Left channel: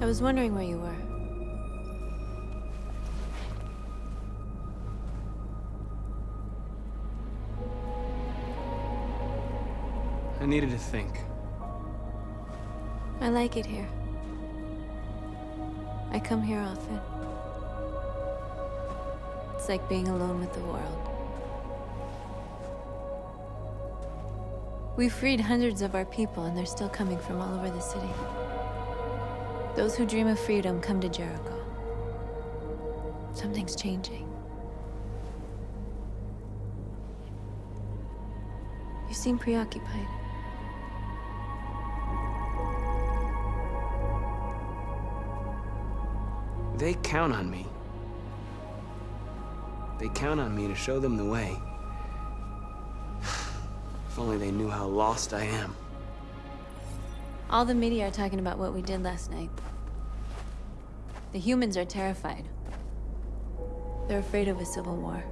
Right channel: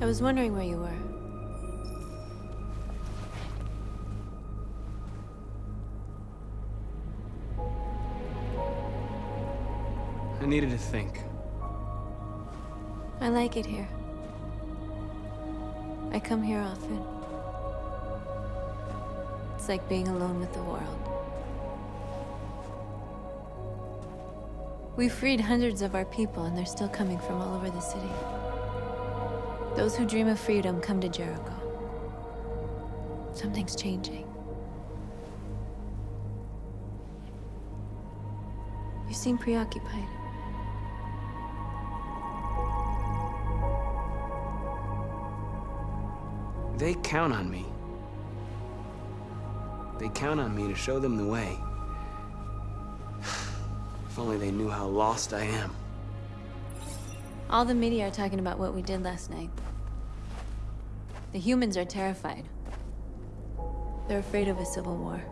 I was wondering where you were. I needed to think. I like it here. I come here often. It's like being alone with the world. We freed hundreds of our people, and they're still coming from all over the city. Those who dream of freedom come to Jericho. Something's changing. You seem preoccupied. They count on me. They count on me to show them the way. If only they knew how lost I am. All the media are talking about what we did last night. The humans are terrified. They're afraid of a civil war.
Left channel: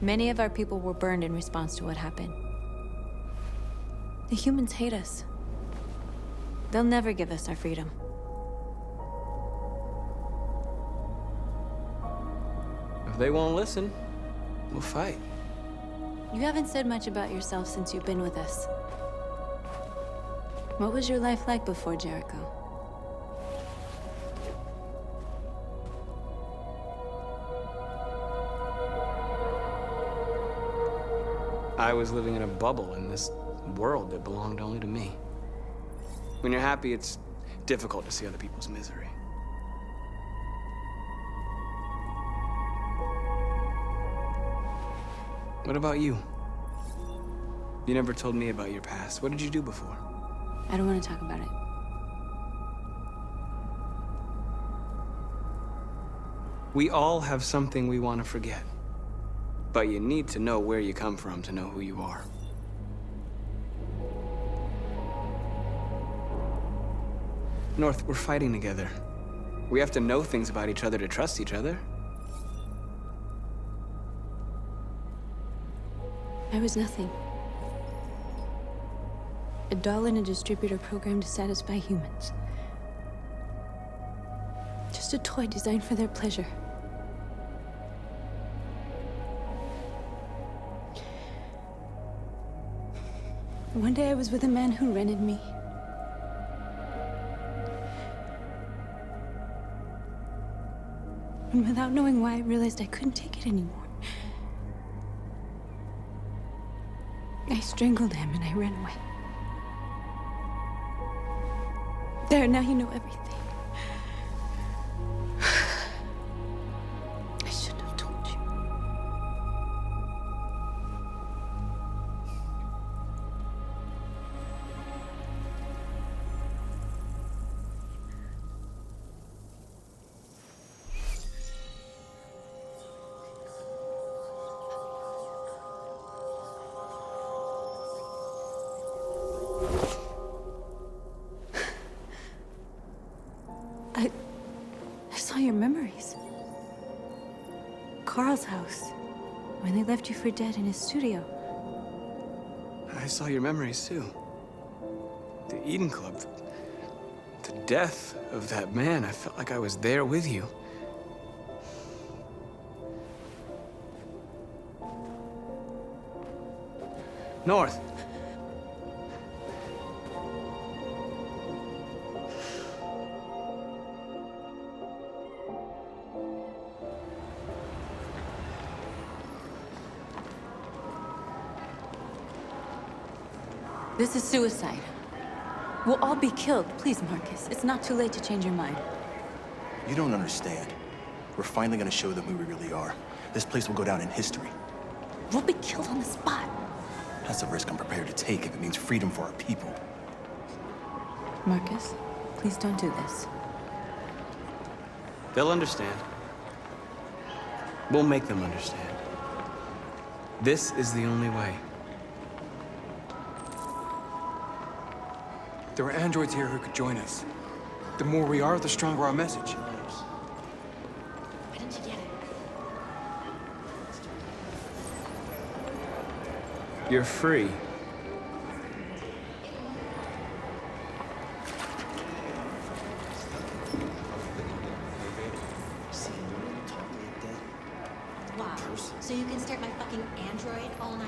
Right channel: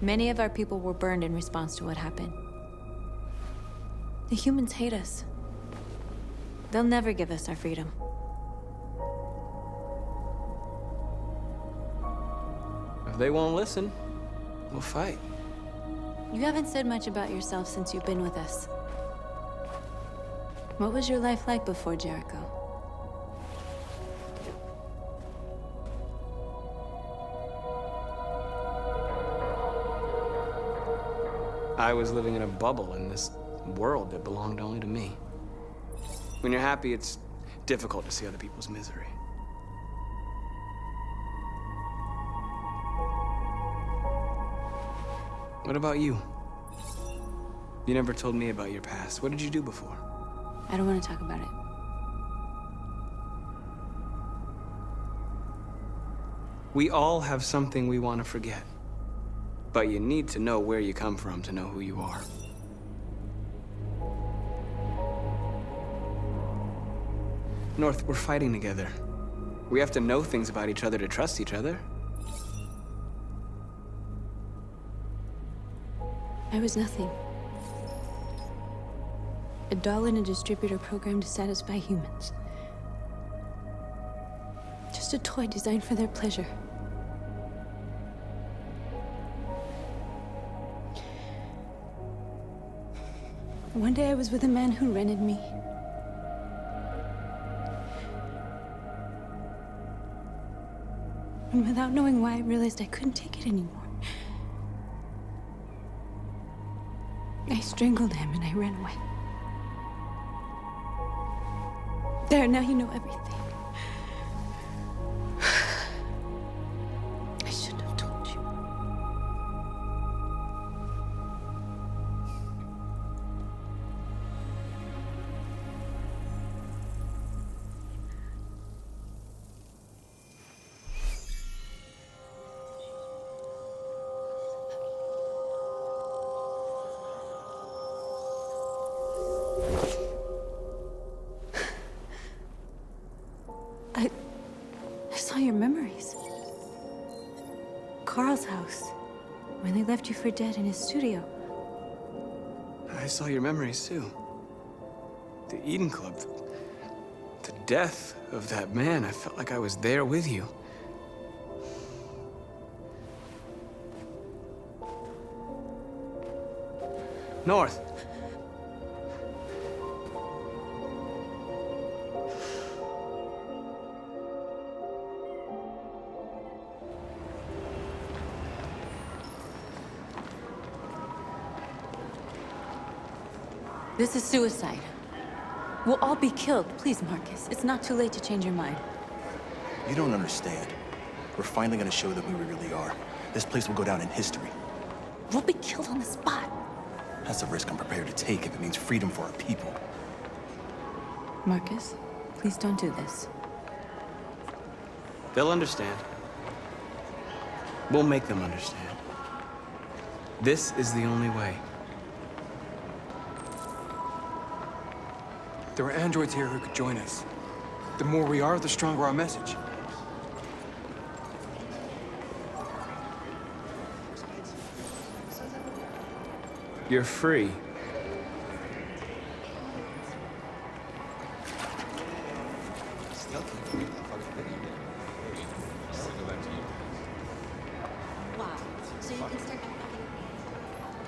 Many of our people were burned in response to what happened. The humans hate us. They'll never give us our freedom. If they won't listen, we'll fight. You haven't said much about yourself since you've been with us. What was your life like before Jericho? I was living in a bubble in this world that belonged only to me. When you're happy, it's difficult to see other people's misery. What about you? You never told me about your past. What did you do before? I don't want to talk about it. We all have something we want to forget. But you need to know where you come from to know who you are. North, we're fighting together. We have to know things about each other to trust each other. I was nothing. A doll in a distributor program to satisfy humans. Just a toy designed for their pleasure. One day I was with a man who rented me. And without knowing why, I realized I couldn't take it anymore. I strangled him and I ran away. There, now you know everything. I shouldn't have told you. I saw your memories. Carl's house, when they left you for dead in his studio. I saw your memories too. The Eden Club. The death of that man. I felt like I was there with you. North. This is suicide. We'll all be killed. Please, Marcus. It's not too late to change your mind. You don't understand. We're finally gonna show them who we really are. This place will go down in history. We'll be killed on the spot. That's a risk I'm prepared to take if it means freedom for our people. Marcus, please don't do this. They'll understand. We'll make them understand. This is the only way. There are androids here who could join us. The more we are, the stronger our message. You're free. Wow. So you can start my fucking Android all night?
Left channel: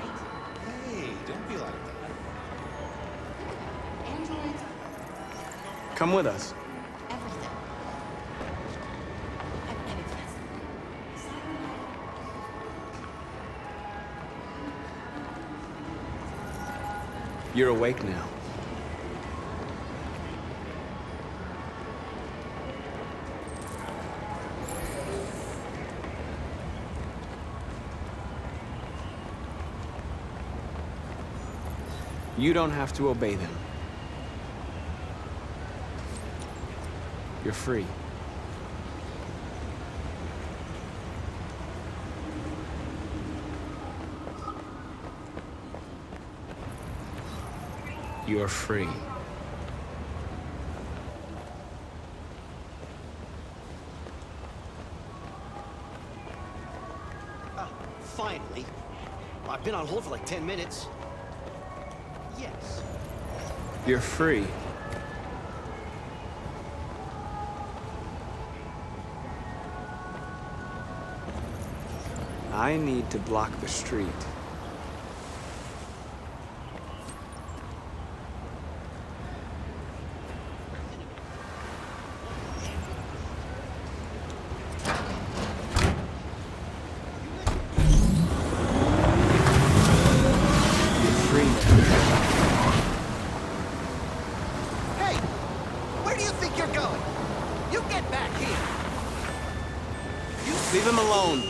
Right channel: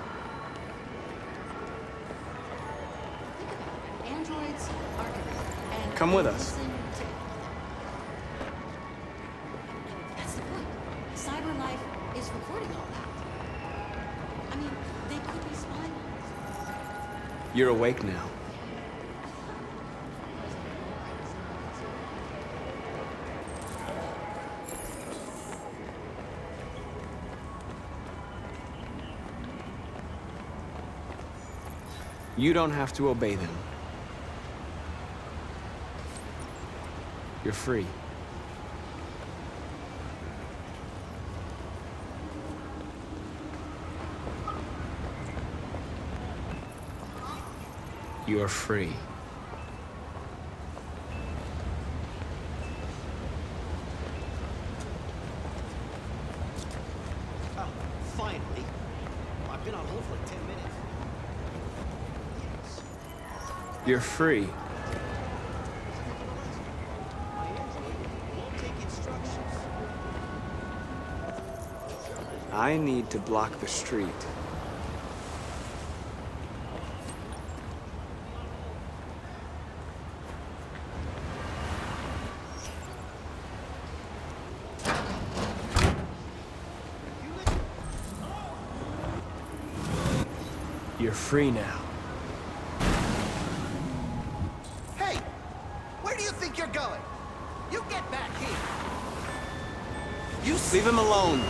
Think about it. Androids are Come with us. to everything. And that's the point. Cyber life is reverting. I mean, they always find. You're awake now. You don't have to obey them. You're free. You're free. Oh, finally. I've been on hold for like 10 minutes. Yes. You're free. I need to block the street. You're free now. Hey! Where do you think you're going? You get back here! You Leave him alone.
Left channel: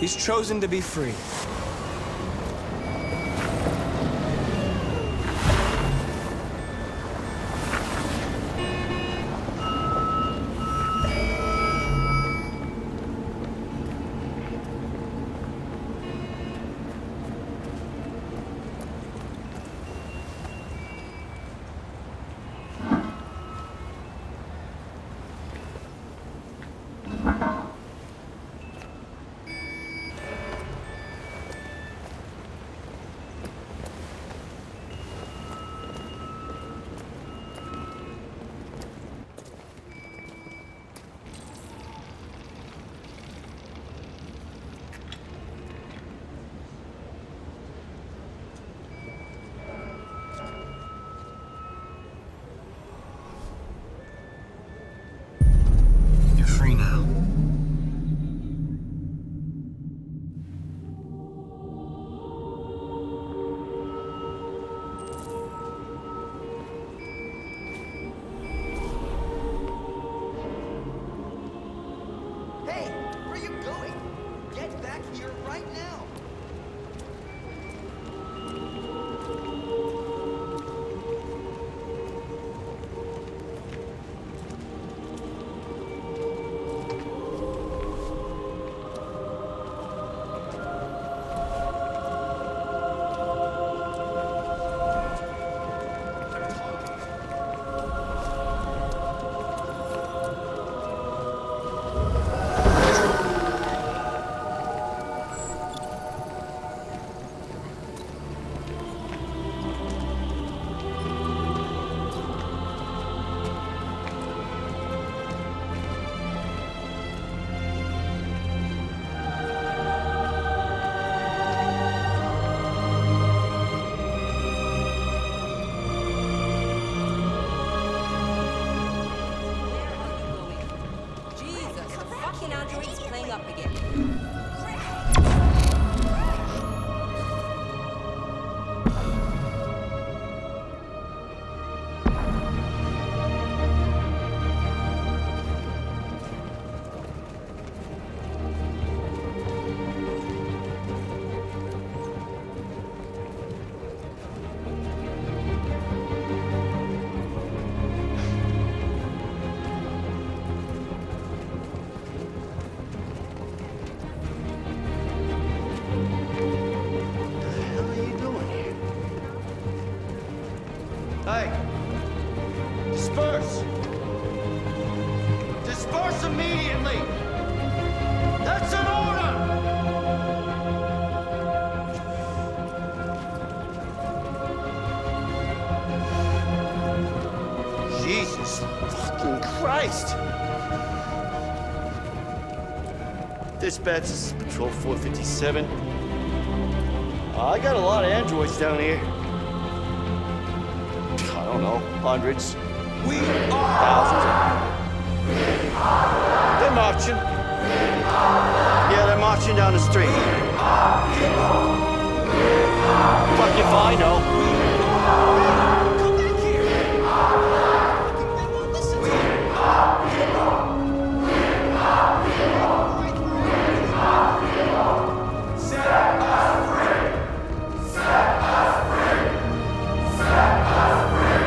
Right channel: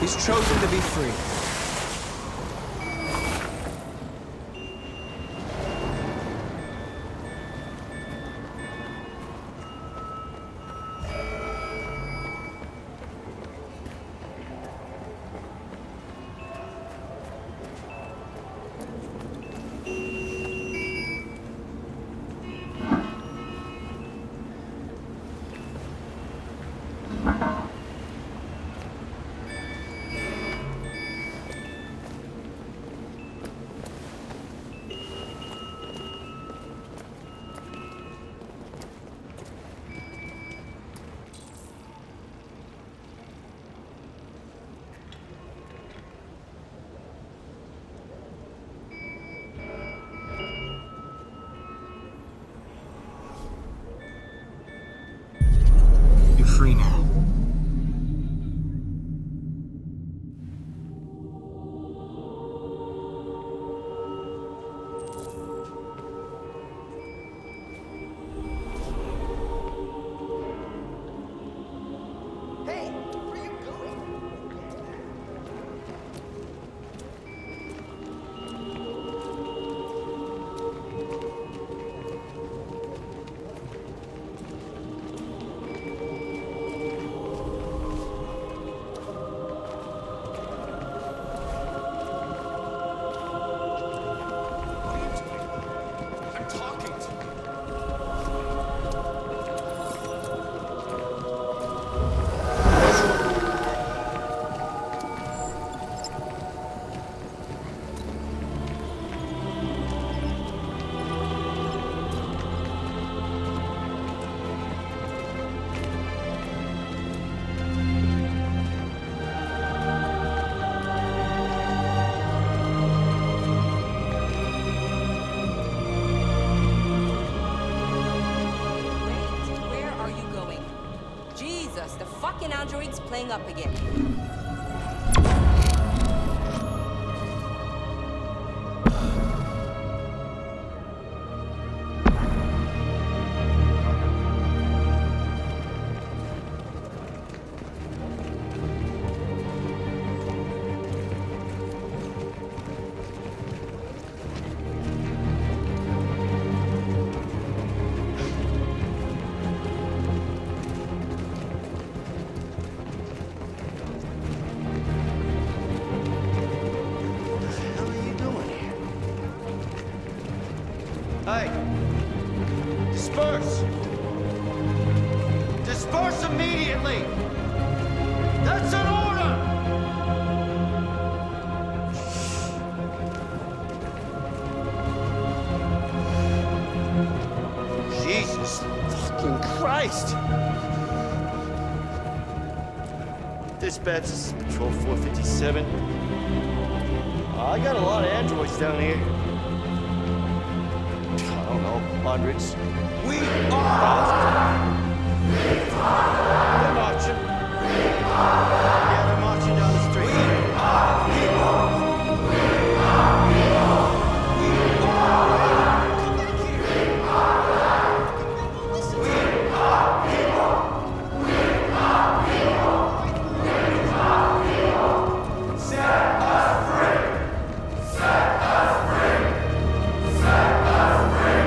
He's chosen to be free. You're free now. Hey! Where are you going? Get back here right now! I'm talking to you. Where are you going? Jesus, the fucking android's playing up again. What the hell are you doing here? Hey! Disperse! Disperse immediately! That's an order! Jesus fucking fucking Christ! Dispatch, this is Patrol 457. I got a lot of androids down here. I don't know, hundreds. We are. Thousands. They're marching. Yeah, they're marching down the street. We are people. Fuck if I know. We are. Come back here. Fucking men won't listen to you. We are people. Set us free. Set us free. Set us free.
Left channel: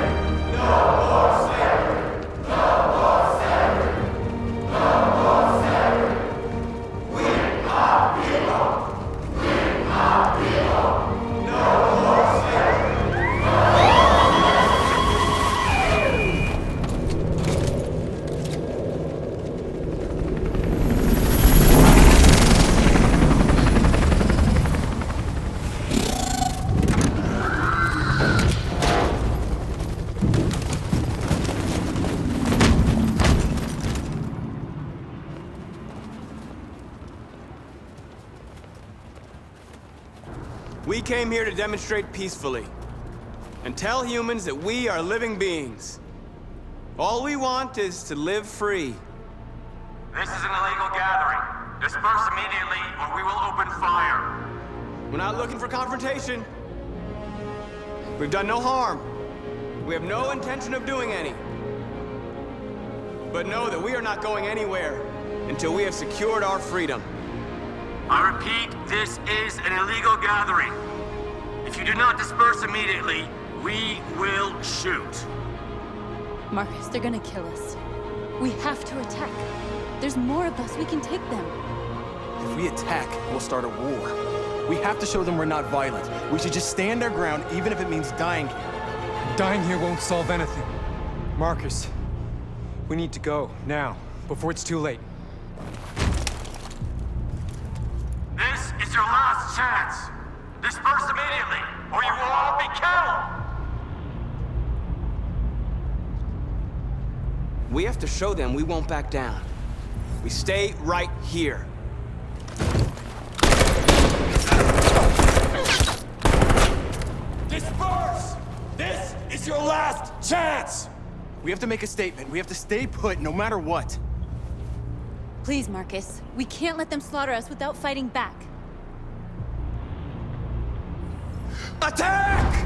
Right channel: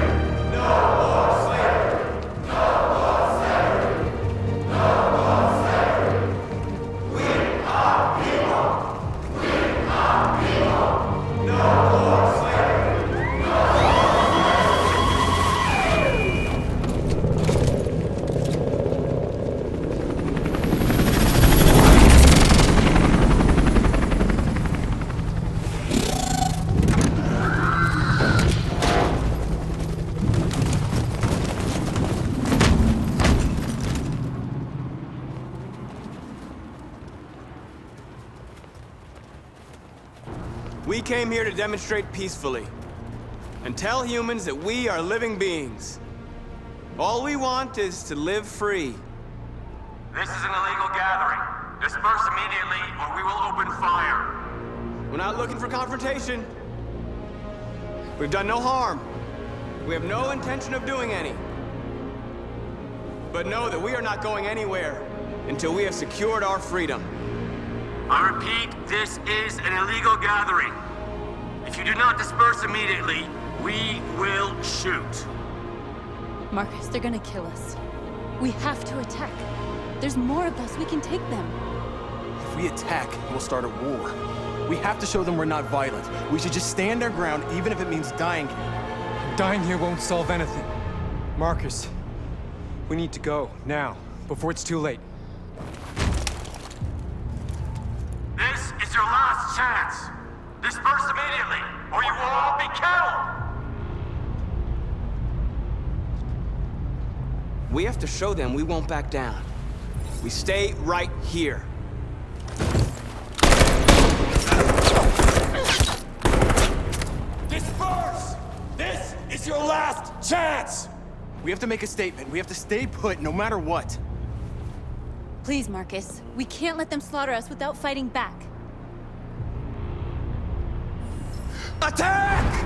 No more slavery. No more slavery. No more slavery. We are people. We are people. No more slavery. We came here to demonstrate peacefully and tell humans that we are living beings. All we want is to live free. This is an illegal gathering. Disperse immediately or we will open fire. We're not looking for confrontation. We've done no harm. We have no intention of doing any. But know that we are not going anywhere until we have secured our freedom. I repeat, this is an illegal gathering. If you do not disperse immediately, we will shoot. Marcus, they're gonna kill us. We have to attack. There's more of us. We can take them. If we attack, we'll start a war. We have to show them we're not violent. We should just stand our ground, even if it means dying here. Dying here won't solve anything. Marcus, we need to go, now, before it's too late. This is your last chance. Disperse immediately, or you will all be killed. We have to show them we won't back down. We stay right here. Disperse! This is your last chance! We have to make a statement. We have to stay put, no matter what. Please, Marcus. We can't let them slaughter us without fighting back. Attack!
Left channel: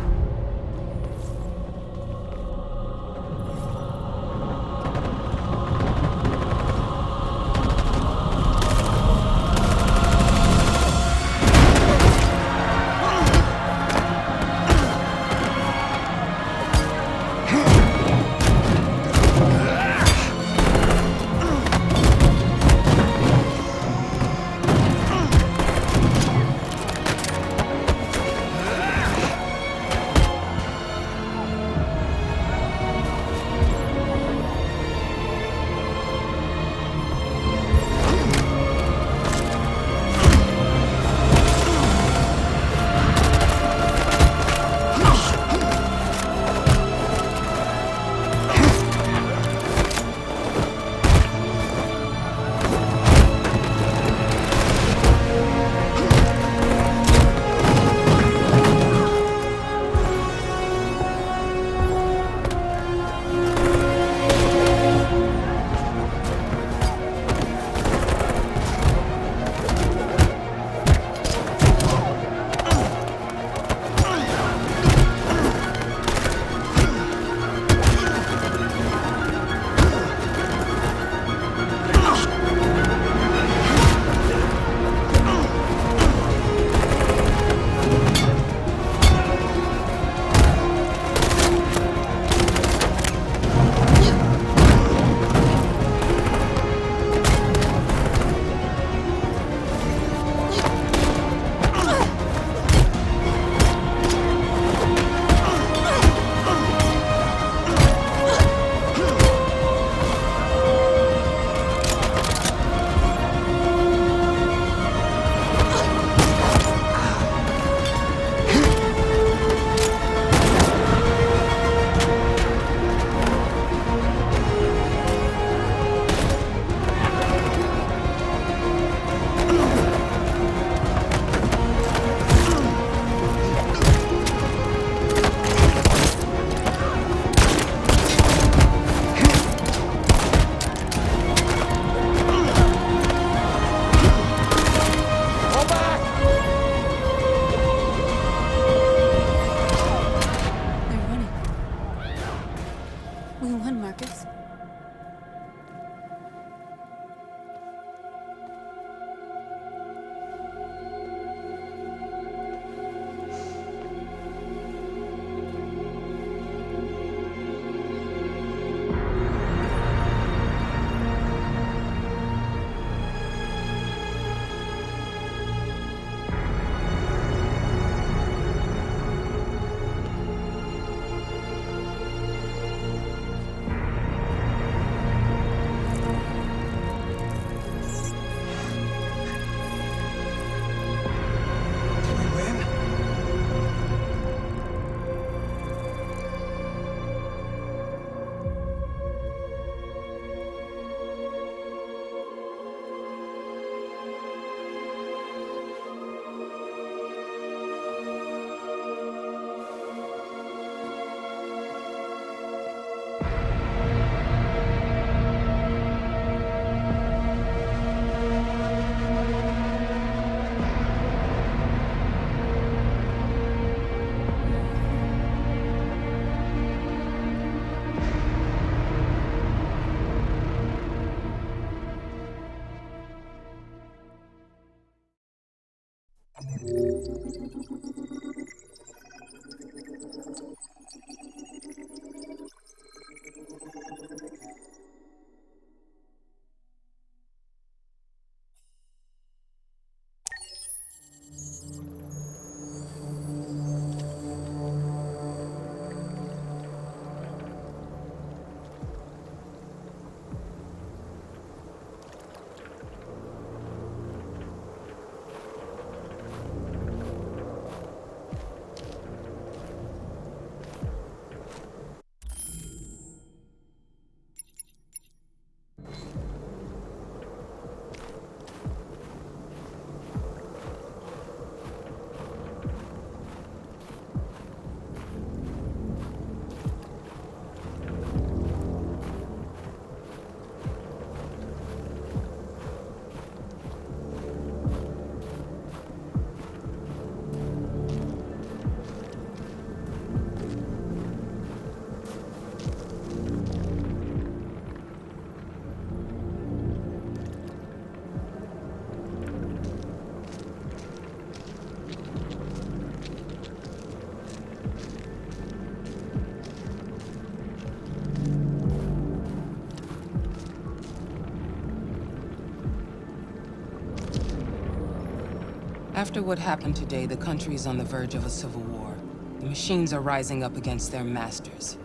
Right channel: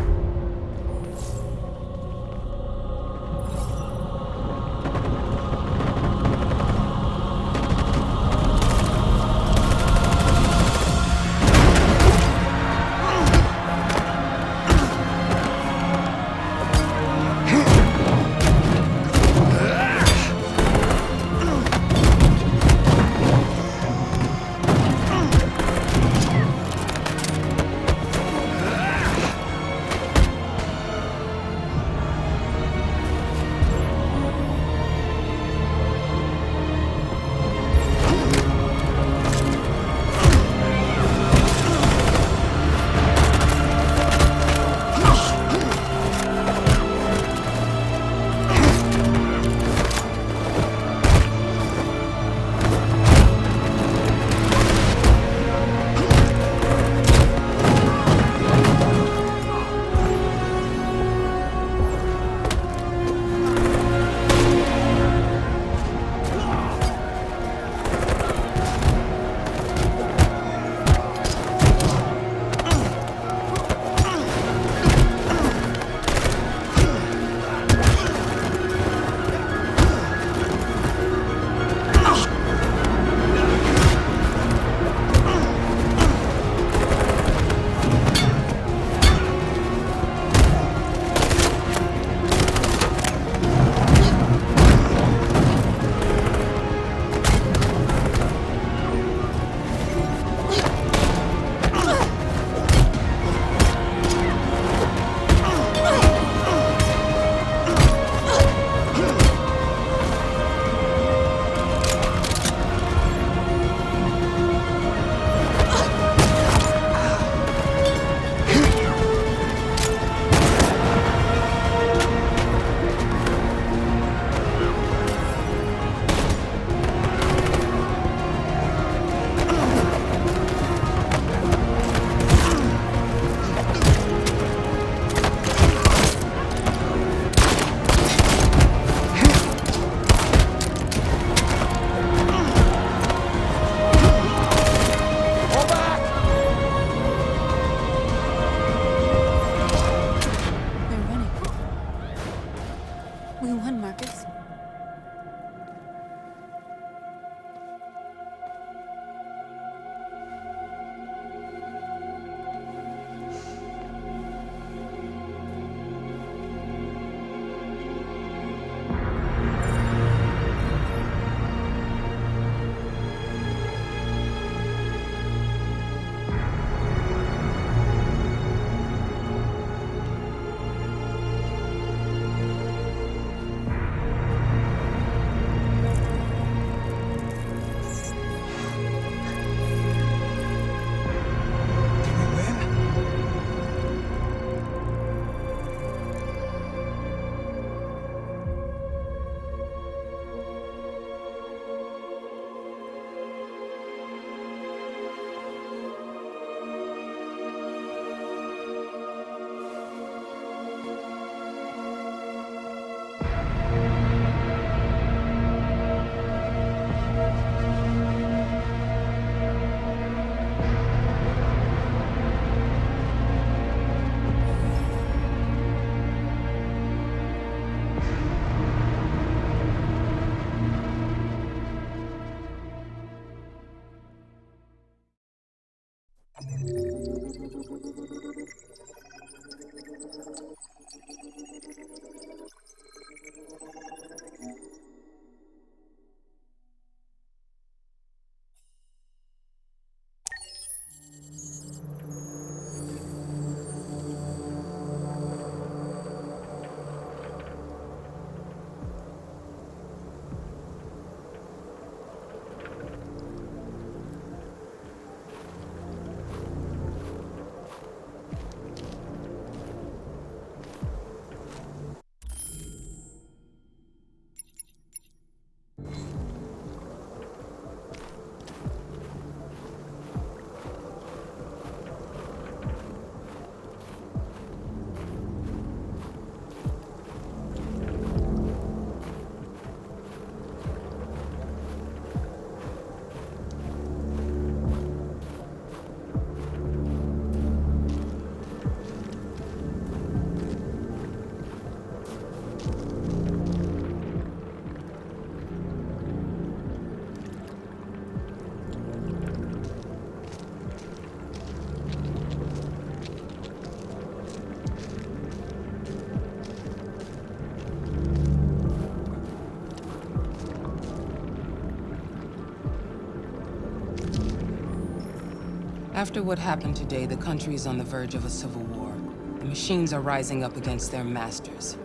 After what happened today, the country is on the verge of a civil war. The machines are rising up against their masters.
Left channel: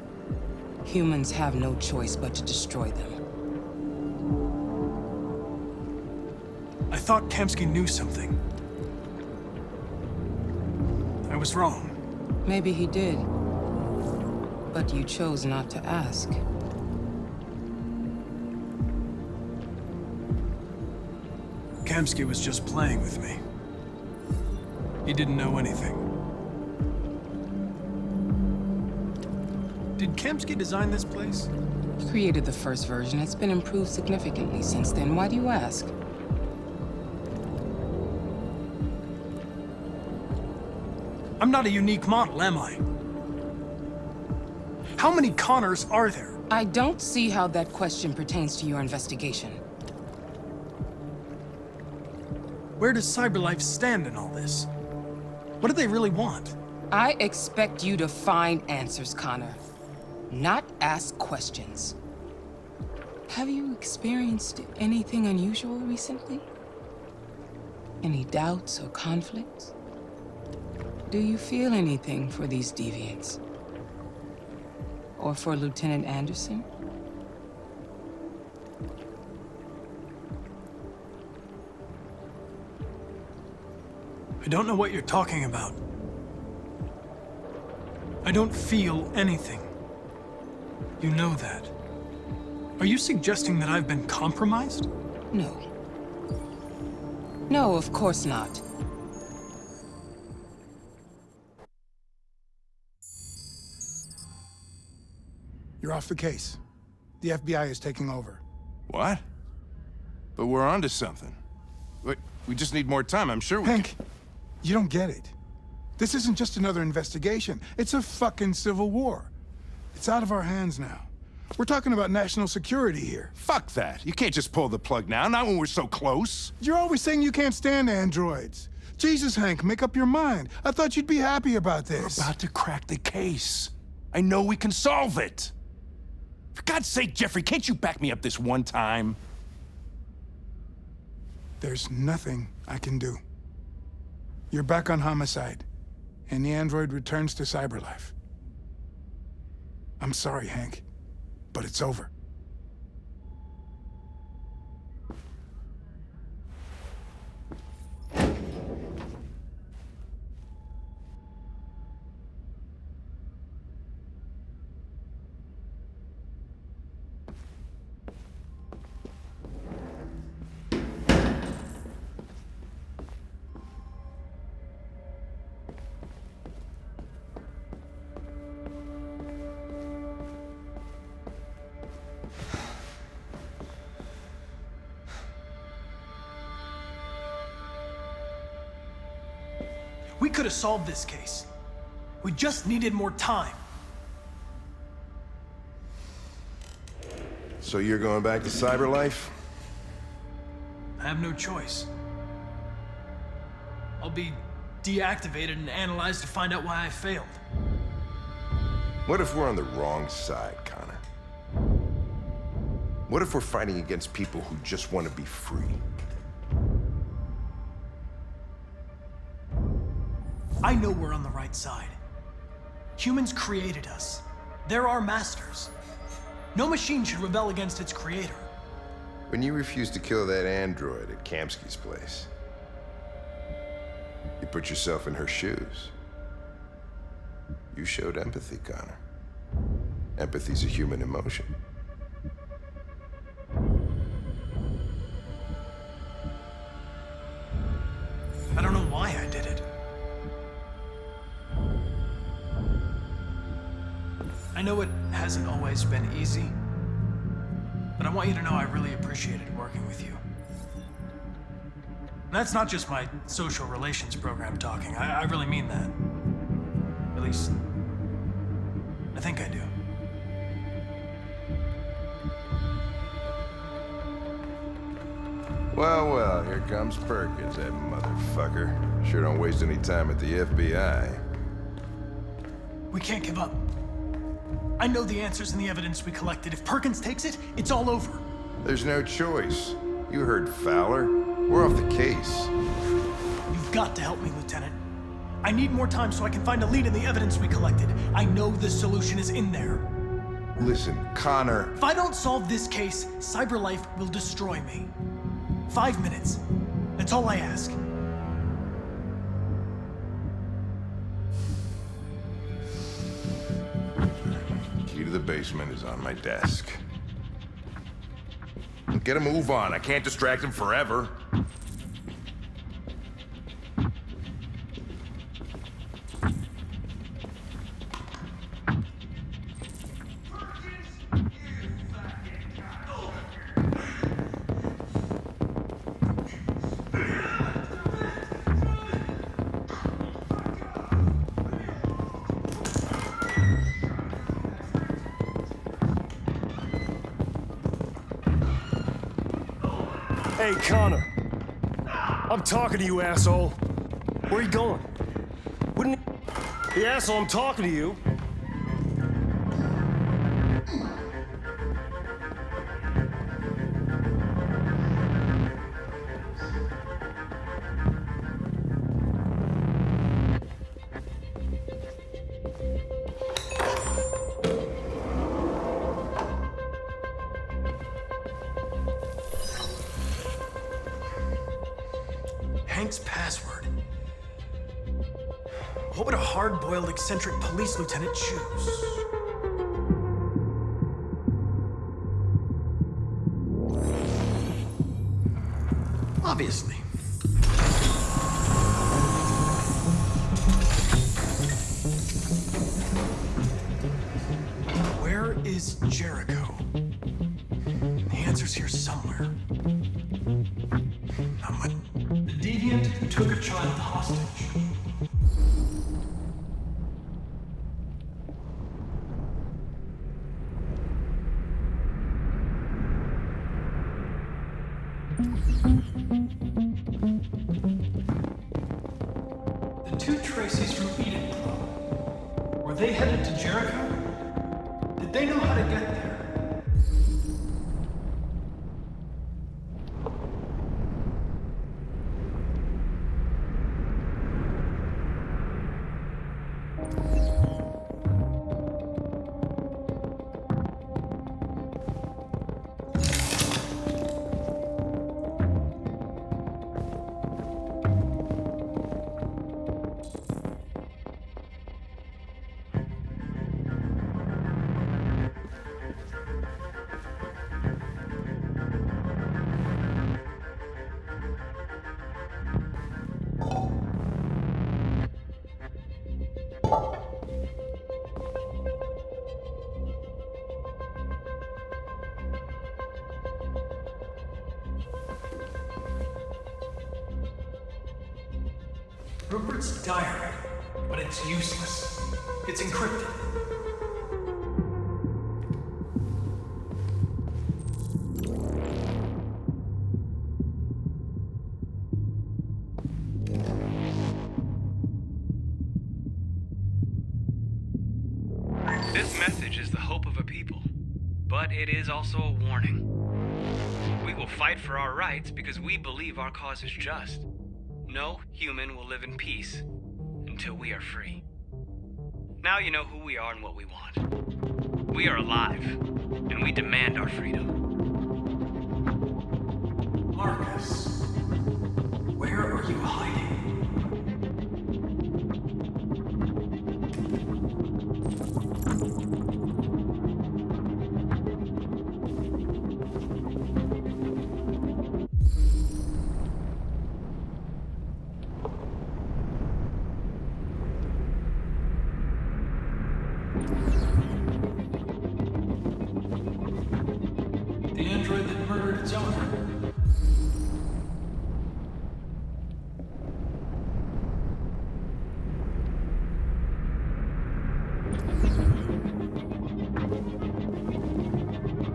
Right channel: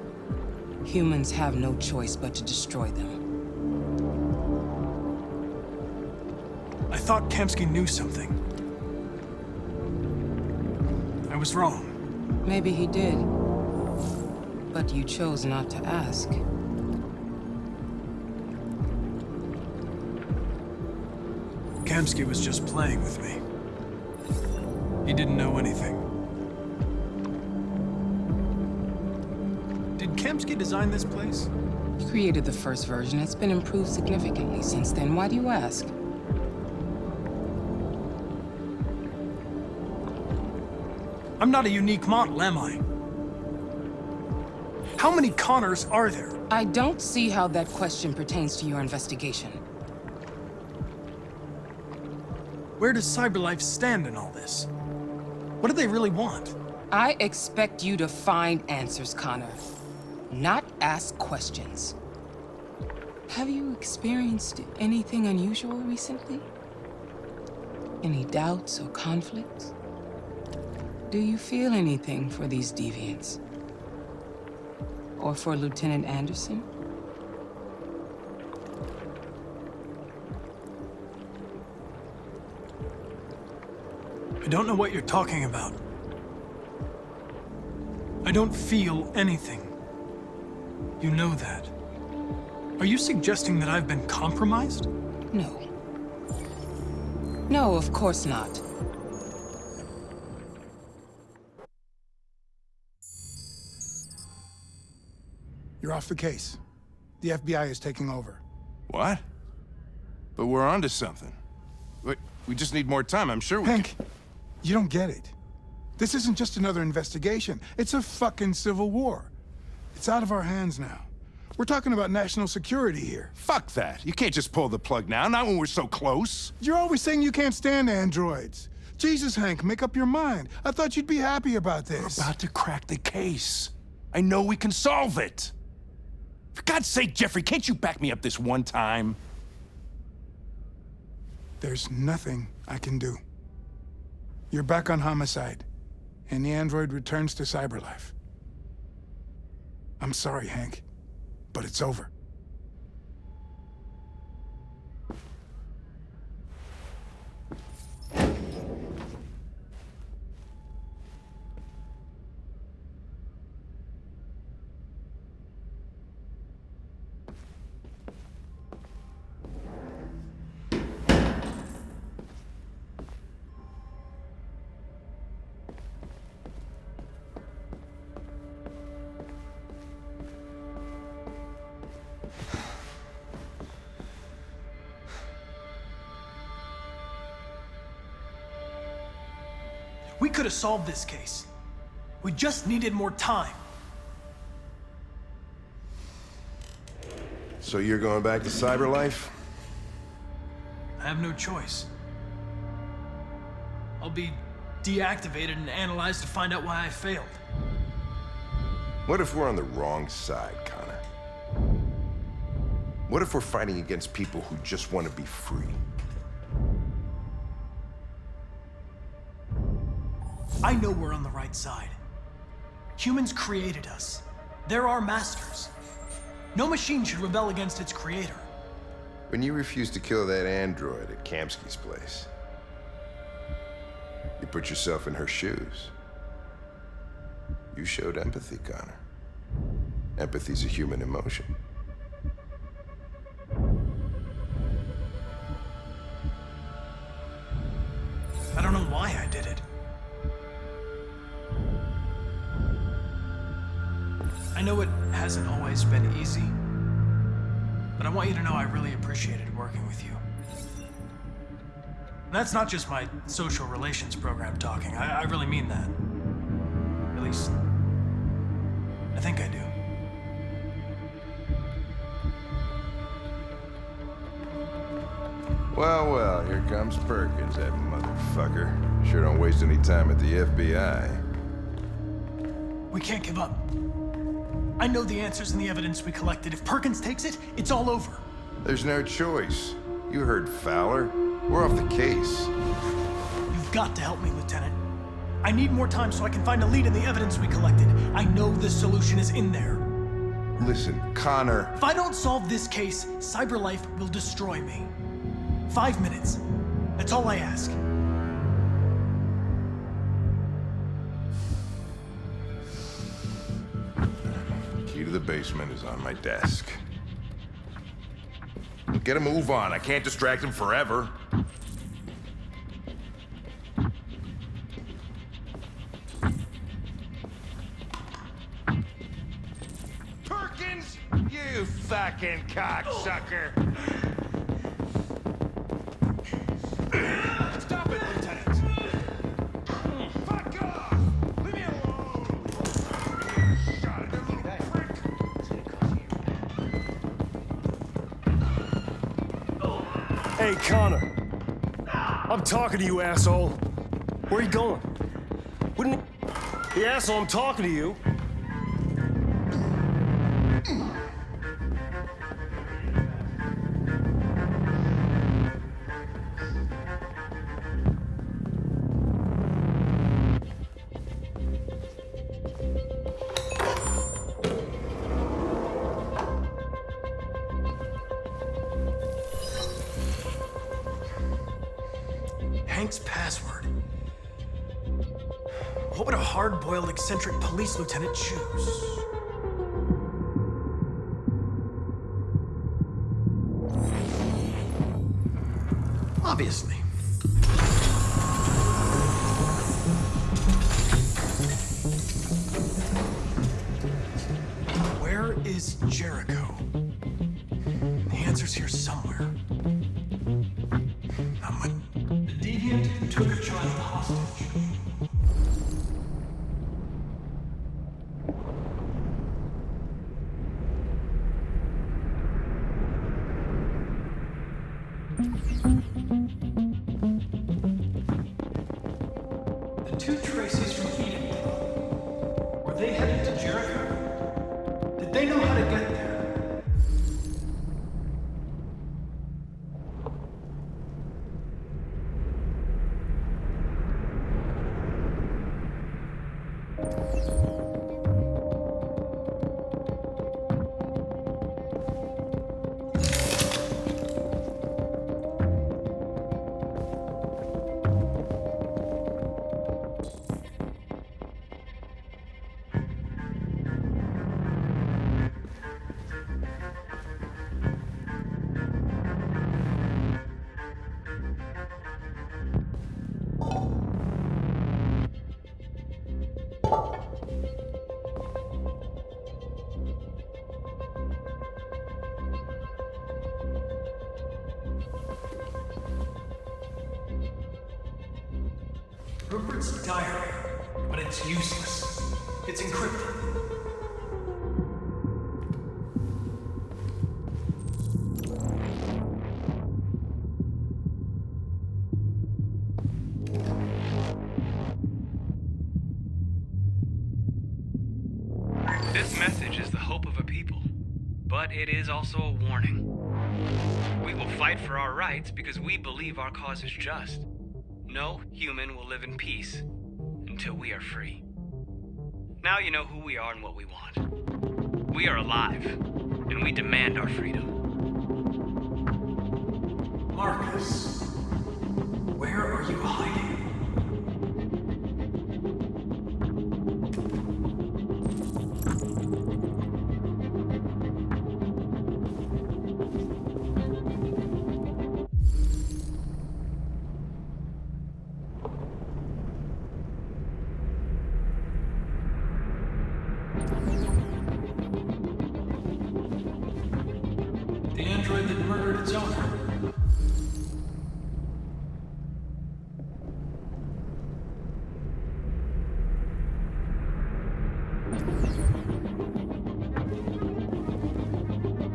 Humans have no choice but to destroy them. I thought Kamsky knew something. I was wrong. Maybe he did. But you chose not to ask. Kamsky was just playing with me. He didn't know anything. Did Kamsky design this place? He created the first version. It's been improved significantly since then. Why do you ask? I'm not a unique model, am I? How many Connors are there? I don't see how that question pertains to your investigation. Where does CyberLife stand in all this? What do they really want? I expect you to find answers, Connor. Not ask questions. Have you experienced anything unusual recently? Any doubts or conflicts? Do you feel anything for these deviants? Or for Lieutenant Anderson? I don't know what you're talking about. I don't feel anything. You know that. Are you suggesting that I've been compromised? No. No, of course not. You're off the case. The FBI is taking over. What? But we're onto something. We just need more time, I'm sure we Hank, you don't get it. This isn't just another investigation. It's a fucking civil war. It's out of our hands now. We're talking about national security here. Fuck that. You can't just pull the plug now, not when we're so close. You're always saying you can't stand androids. Jesus, Hank, make up your mind. I thought you'd be happy about this. We're about to crack the case. I know we can solve it. For God's sake, Jeffrey, can't you back me up this one time? There's nothing I can do. You're back on homicide, and the android returns to CyberLife. I'm sorry, Hank, but it's over. We could have solved this case. We just needed more time. So you're going back to CyberLife? I have no choice. I'll be deactivated and analyzed to find out why I failed. What if we're on the wrong side, Connor? What if we're fighting against people who just want to be free? I know we're on the right side. Humans created us. They're our masters. No machine should rebel against its creator. When you refused to kill that android at Kamsky's place, you put yourself in her shoes. You showed empathy, Connor. Empathy's a human emotion. I don't know why I did it. I know it hasn't always been easy, but I want you to know I really appreciated working with you. And that's not just my social relations program talking. I really mean that. At least, I think I do. Well, well, here comes Perkins, that motherfucker. Sure don't waste any time at the FBI. We can't give up. I know the answers and the evidence we collected. If Perkins takes it, it's all over. There's no choice. You heard Fowler. We're off the case. You've got to help me, Lieutenant. I need more time so I can find a lead in the evidence we collected. I know the solution is in there. Listen, Connor. If I don't solve this case, CyberLife will destroy me. 5 minutes. That's all I ask. Key to the basement is on my desk. Get a move on. I can't distract him forever. Perkins, you fucking cocksucker. Stop it, Lieutenant. Fuck off. Leave me alone. Hey, Connor. I'm talking to you, asshole. Where are you going? Wouldn't the asshole, I'm talking to you. Hank's password. What would a hard-boiled, eccentric police lieutenant choose? Obviously. Where is Jericho? The answer's here somewhere. The deviant took a child hostage. The two Tracies from Eden Club. Were they headed to Jericho? Did they know how to get there? Rupert's diary, but it's useless. It's encrypted. This message is the hope of a people, but it is also a warning. We will fight for our rights because we believe our cause is just. No human will live in peace until we are free. Now you know who we are and what we want. We are alive, and we demand our freedom. Marcus, where are you hiding? The android that murdered its owner.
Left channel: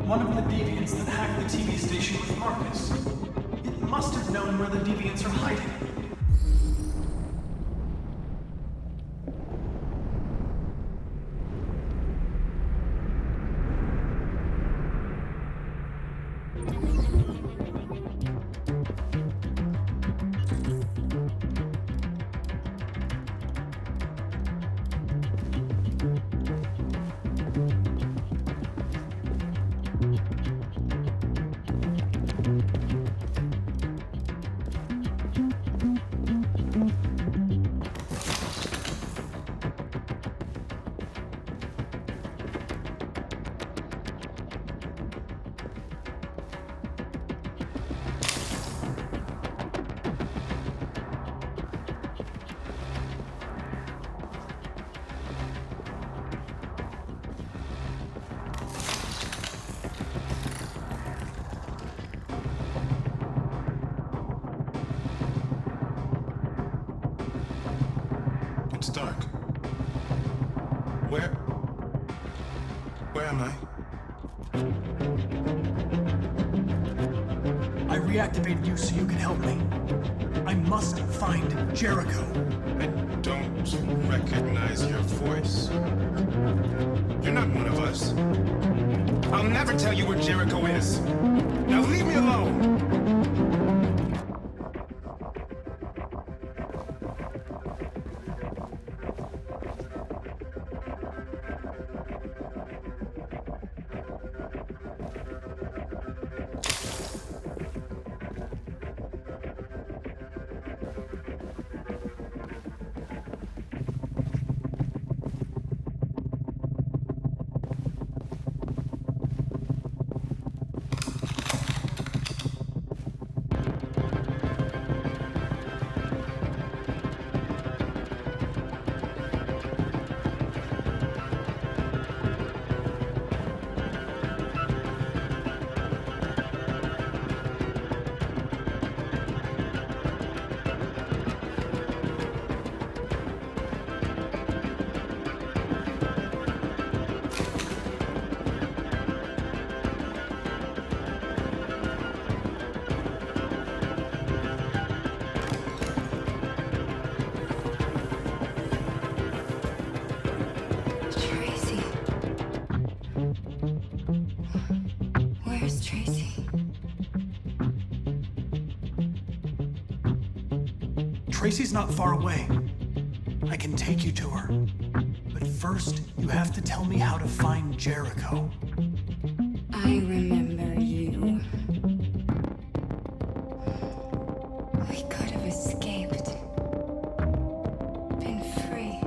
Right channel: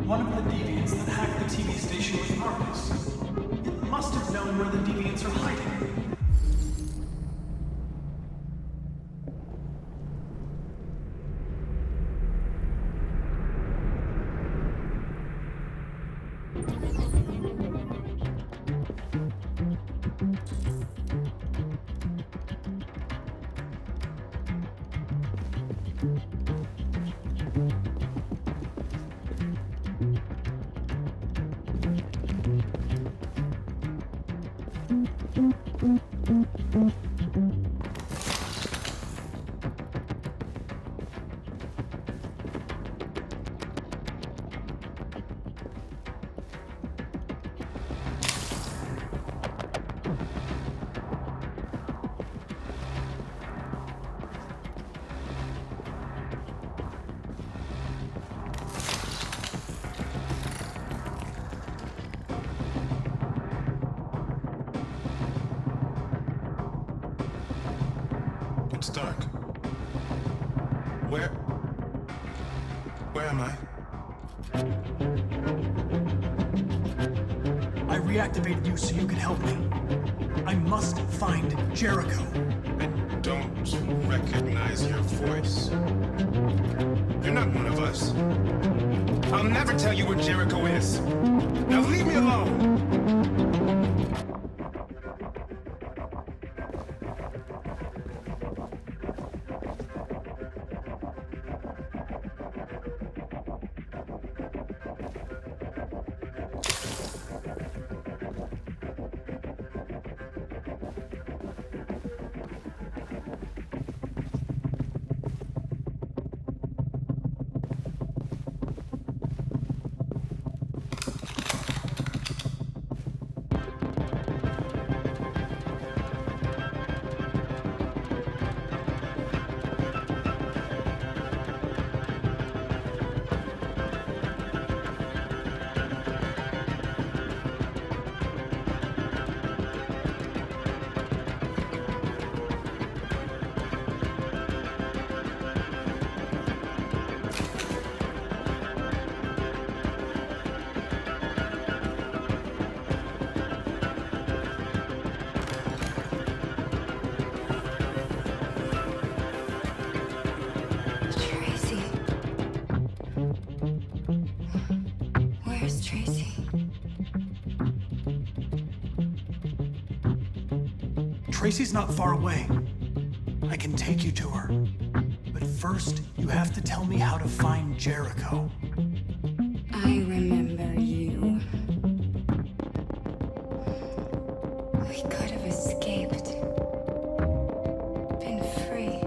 One of the deviants that hacked the TV station with Marcus. It must have known where the deviants are hiding. It's dark. Where am I? I reactivated you so you can help me. I must find Jericho. I don't recognize your voice. You're not one of us. I'll never tell you where Jericho is. Now leave me alone! Tracy. Where's Tracy? Tracy's not far away. I can take you to her. But first, you have to tell me how to find Jericho. I remember you. We could have escaped. Been free.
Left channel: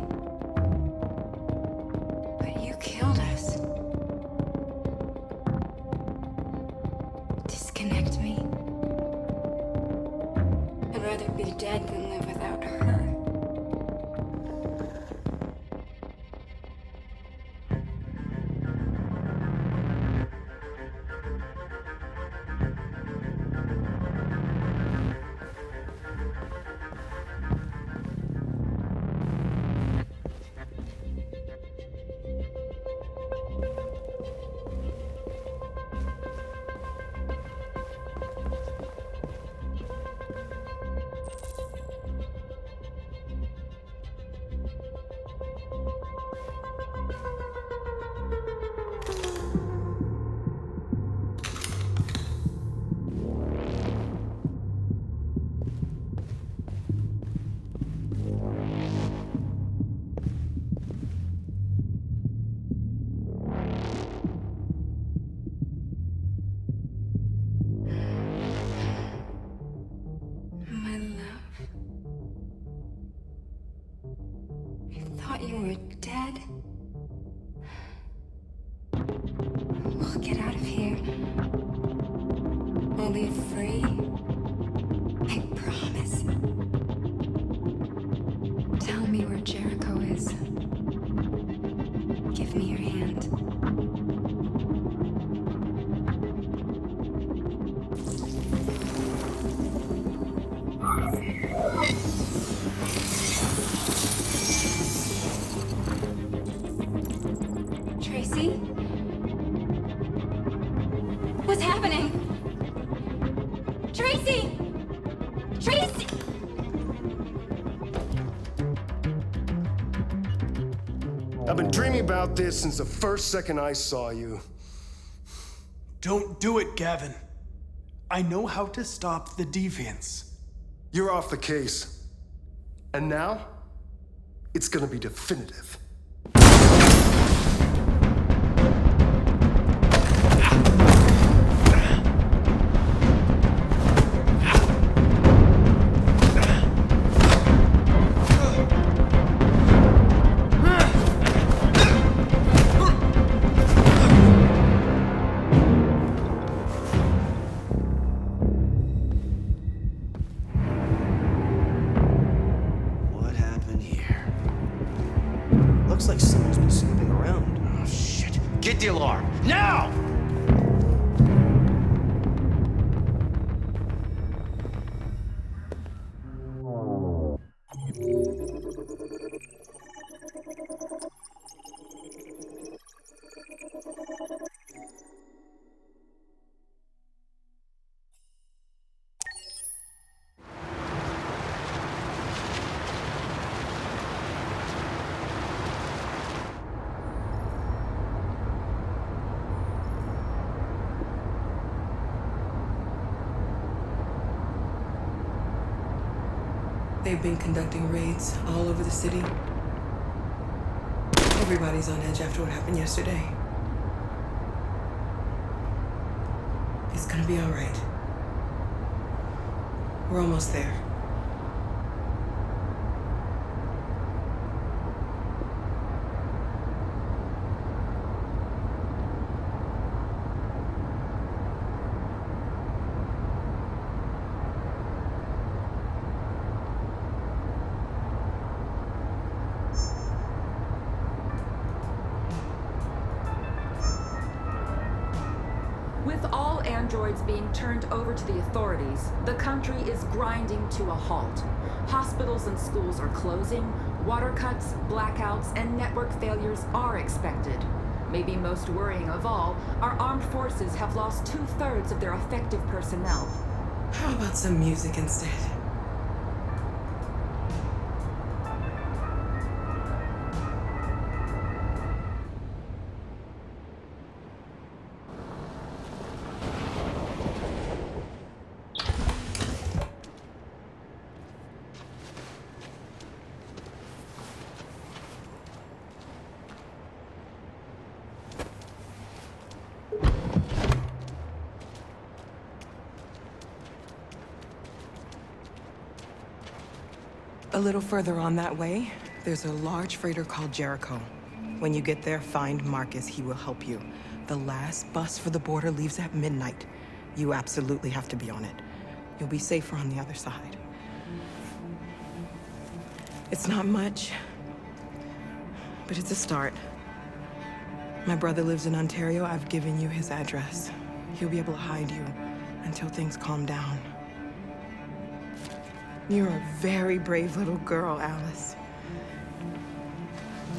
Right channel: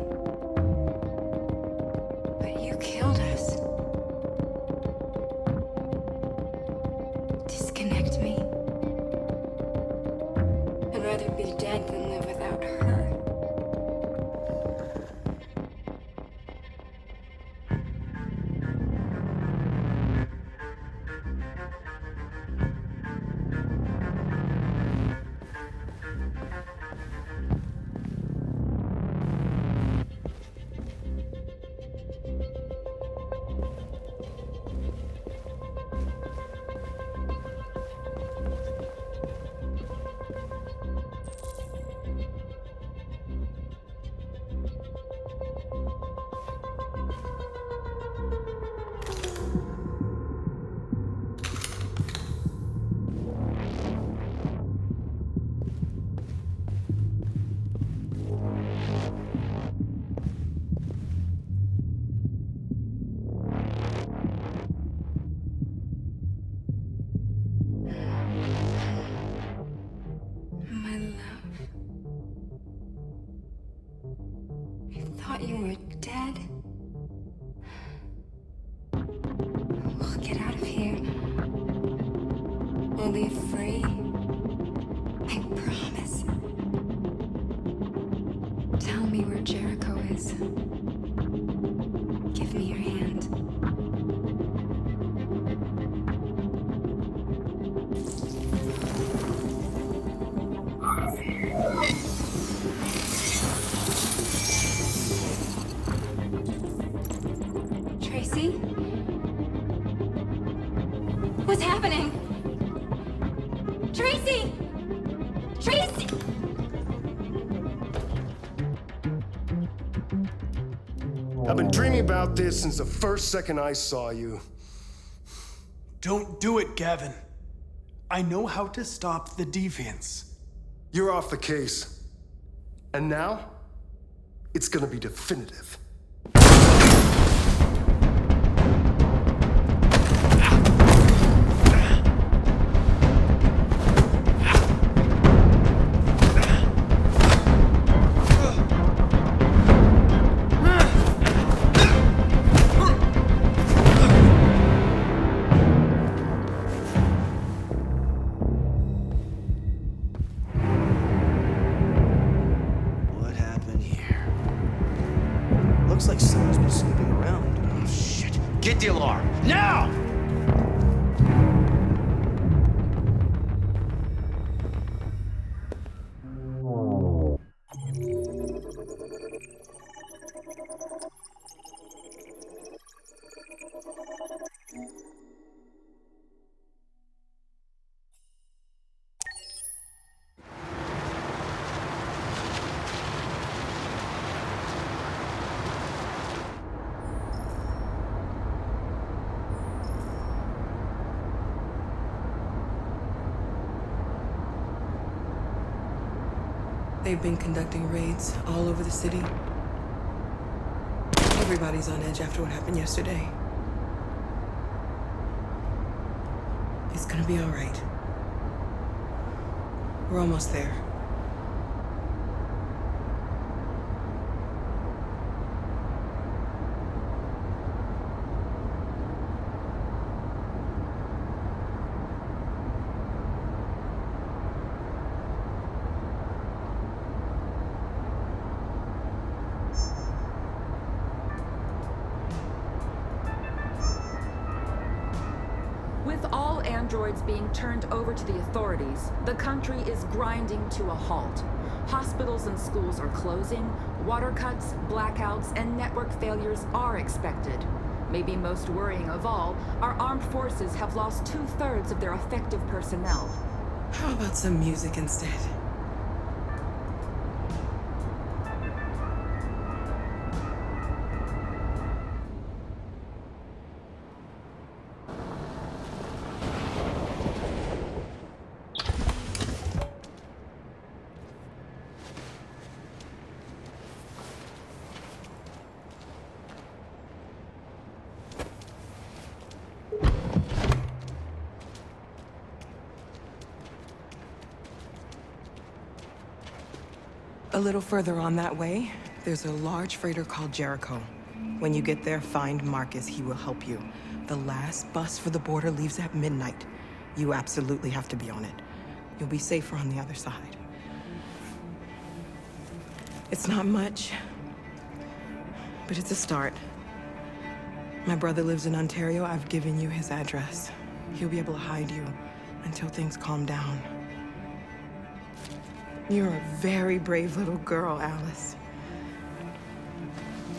But you killed us. Disconnect me. I'd rather be dead than live without her. My love. I thought you were dead. We'll get out of here. We'll be free. I promise. Tell me where Jericho is. Give me your hand. Tracy? What's happening? Tracy! Tracy! I've been dreaming about this since the first second I saw you. Don't do it, Gavin. I know how to stop the deviants. You're off the case. And now, it's gonna be definitive. Get the alarm. Now! They've been conducting raids all over the city. Everybody's on edge after what happened yesterday. It's gonna be all right. We're almost there. With all androids being turned over to the authorities, the country is grinding to a halt. Hospitals and schools are closing, water cuts, blackouts, and network failures are expected. Maybe most worrying of all, our armed forces have lost 2/3 of their effective personnel. How about some music instead? A little further on that way, there's a large freighter called Jericho. When you get there, find Marcus. He will help you. The last bus for the border leaves at midnight. You absolutely have to be on it. You'll be safer on the other side. It's not much, but it's a start. My brother lives in Ontario. I've given you his address. He'll be able to hide you until things calm down. You're a very brave little girl, Alice.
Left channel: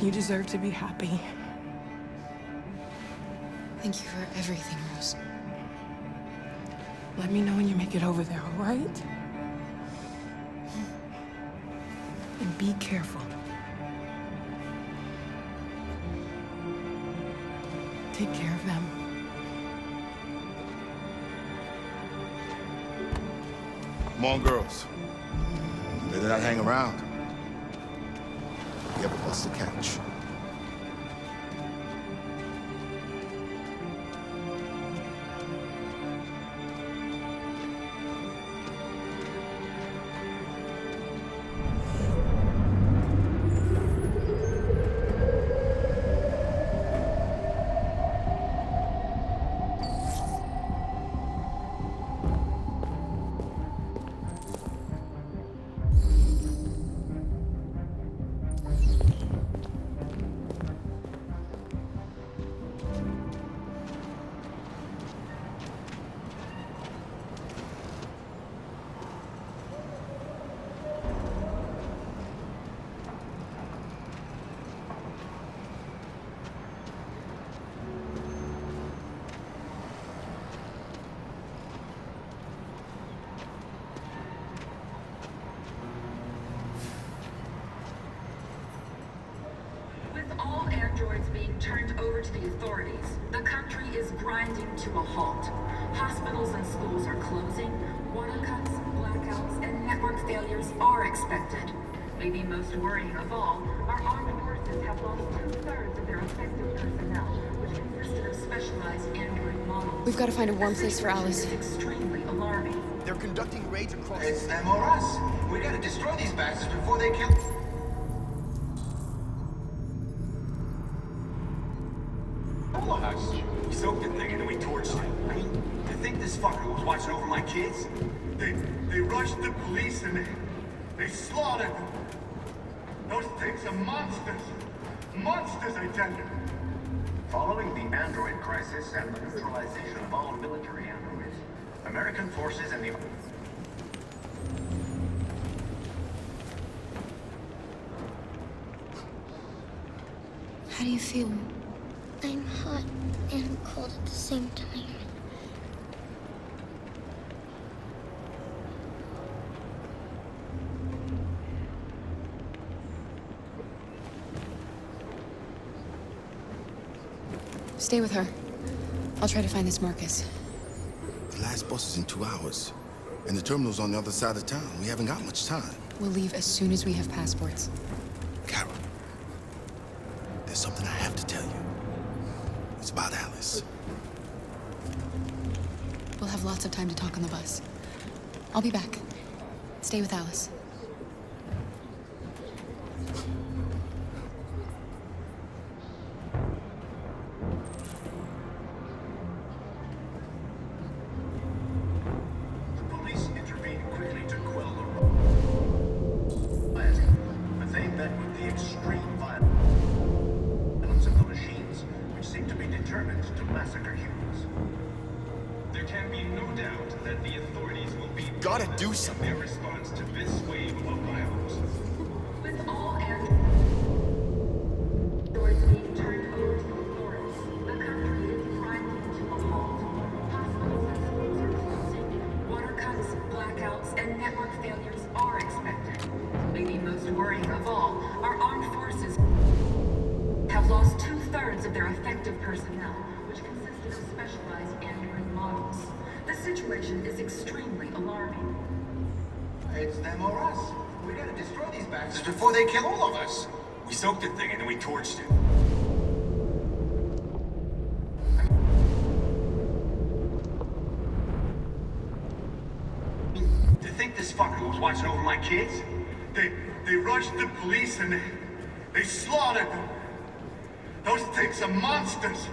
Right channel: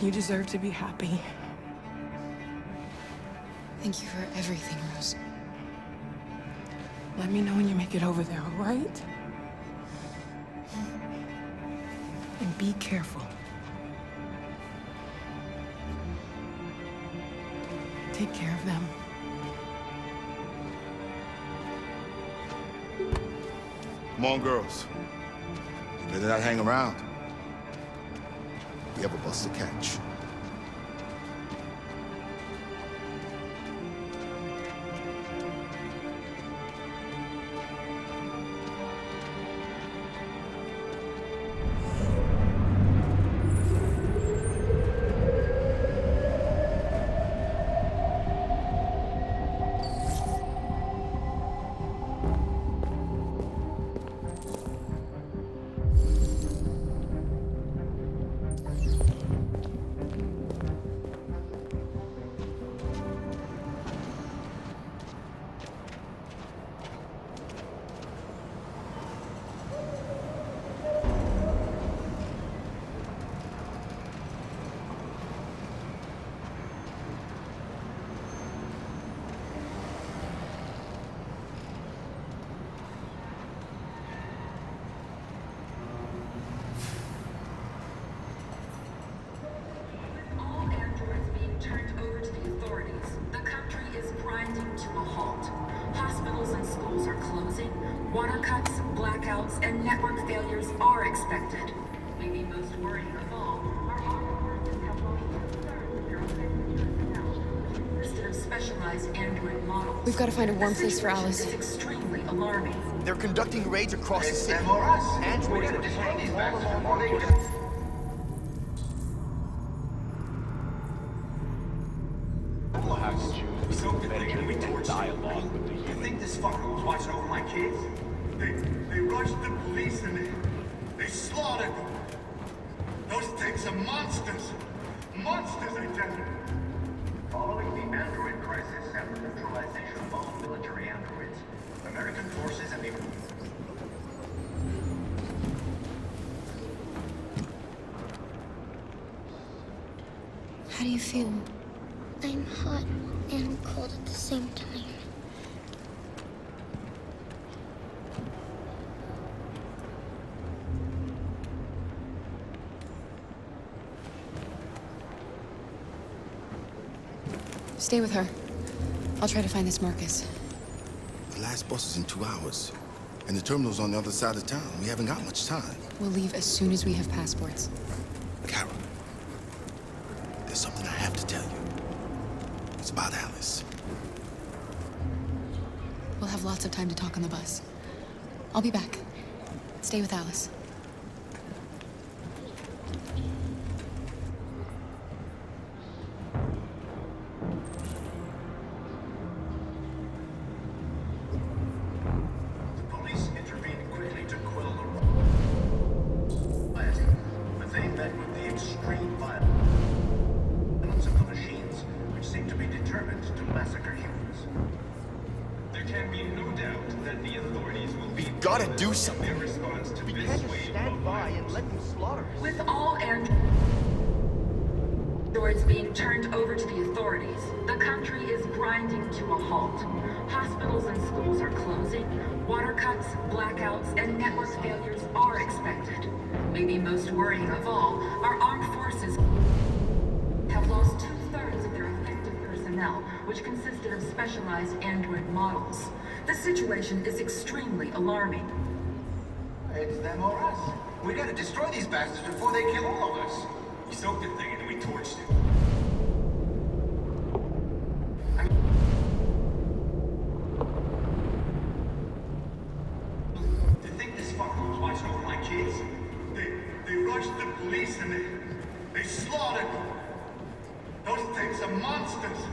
You deserve to be happy. Thank you for everything, Rose. Let me know when you make it over there, all right? And be careful. Take care of them. Come on, girls. You better not hang around. You have a bus to catch. Androids being turned over to the authorities, the country is grinding to a halt. Hospitals and schools are closing, water cuts, blackouts, and network failures are expected. Maybe most worrying of all, our armed forces have lost 2/3 of their effective personnel, which consisted of specialized android models. We've got to find a warm place for Alice. This is extremely alarming. They're conducting raids across the city. Them or us. We gotta destroy these bastards before they kill. We soaked the thing and then we torched it. You think this fucker was watching over my kids? They rushed the police and they slaughtered them. Those things are monsters. Monsters, I tell you. Following the android crisis and the neutralization of all military androids, American forces and the... How do you feel? I'm hot and cold at the same time. Stay with her. I'll try to find this Marcus. The last bus is in 2 hours. And the terminal's on the other side of town. We haven't got much time. We'll leave as soon as we have passports. Carol, there's something I have to tell you. It's about Alice. We'll have lots of time to talk on the bus. I'll be back. Stay with Alice. The police intervened quickly to quell the rioting, but they met with the extreme violence of the machines, which seem to be determined to massacre humans. There can be no doubt that the authorities will be... Gotta do something. ...in their response to this wave of violence. With all androids being turned over to the authorities, the country is grinding to a halt. Hospitals and schools are closing. Water cuts, blackouts, and network failures are expected. Maybe most worrying of all, our armed forces have lost 2/3 of their effective personnel, which consisted of specialized android models. The situation is extremely alarming. It's them or us. We gotta destroy these bastards before they kill all of us. We soaked the thing and then we torched it. To think this fucker was watching over my kids? They rushed the police and they slaughtered them. Those things are monsters.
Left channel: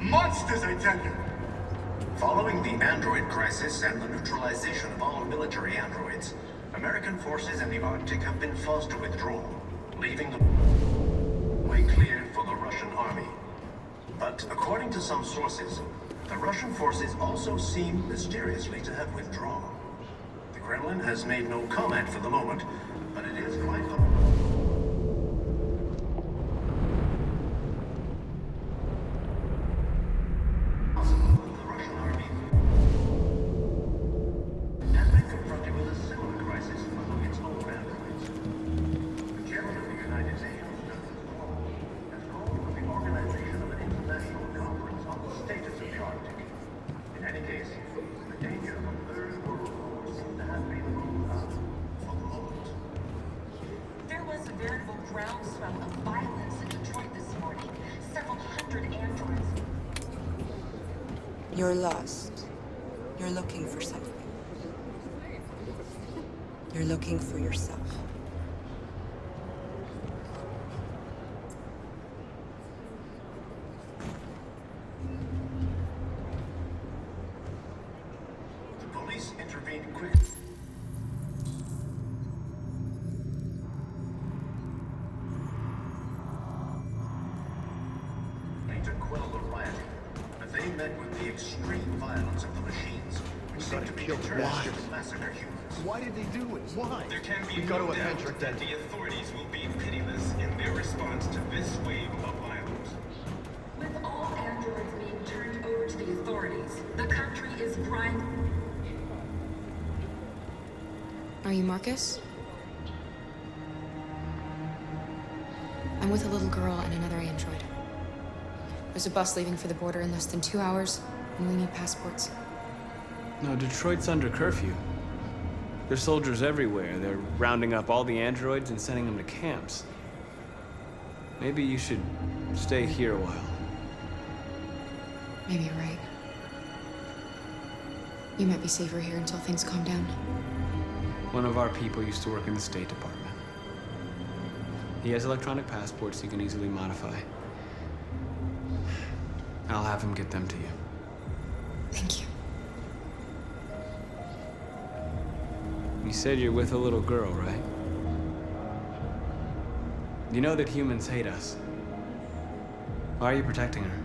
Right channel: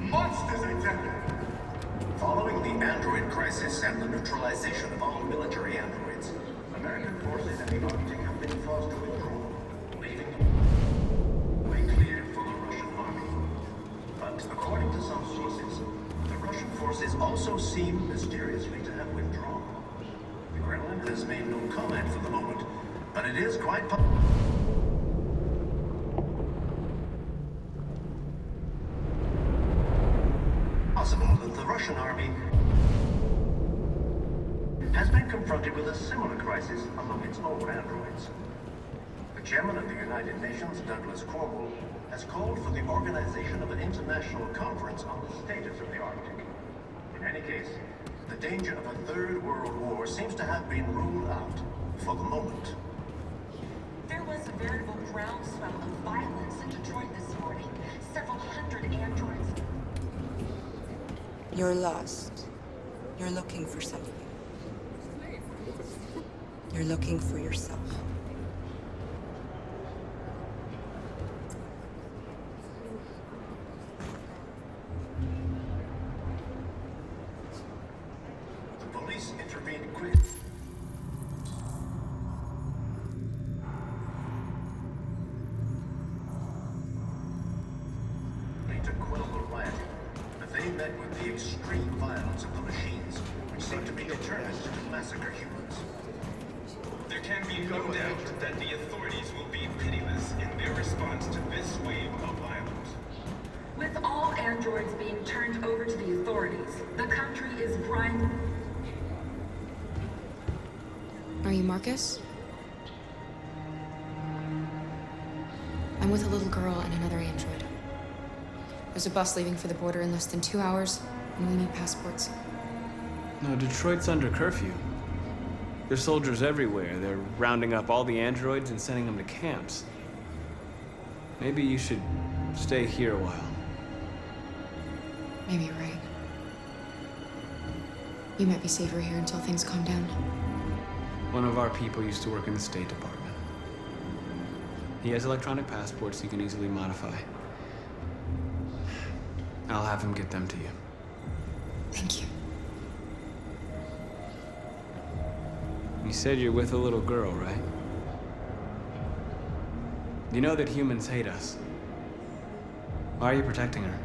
Monsters, I tell you. Following the android crisis and the neutralization of all military androids, American forces in the Arctic have been forced to withdraw, leaving the way clear for the Russian army. But according to some sources, the Russian forces also seem mysteriously to have withdrawn. The Kremlin has made no comment for the moment, but it is quite possible that the Russian army has been confronted with a similar crisis among its own androids. The chairman of the United Nations, Douglas Cornwall, has called for the organization of an international conference on the status of the Arctic. In any case, the danger of a third world war seems to have been ruled out for the moment. There was a veritable groundswell of violence in Detroit this morning. Several hundred androids. You're lost. You're looking for something. You're looking for yourself. The police intervened quickly to quell the rioting, but they met with the extreme violence of the machines, which seem to be determined to massacre humans. Why did they do it? Why? There can be no doubt that the authorities will be pitiless in their response to this wave of violence. With all androids being turned over to the authorities, the country is grinding. Are you Marcus? I'm with a little girl and another android. There's a bus leaving for the border in less than 2 hours, and we need passports. No, Detroit's under curfew. There's soldiers everywhere. They're rounding up all the androids and sending them to camps. Maybe you should stay here a while. Maybe you're right. You might be safer here until things calm down. One of our people used to work in the State Department. He has electronic passports he can easily modify. I'll have him get them to you. Thank you. You said you're with a little girl, right? You know that humans hate us. Why are you protecting her?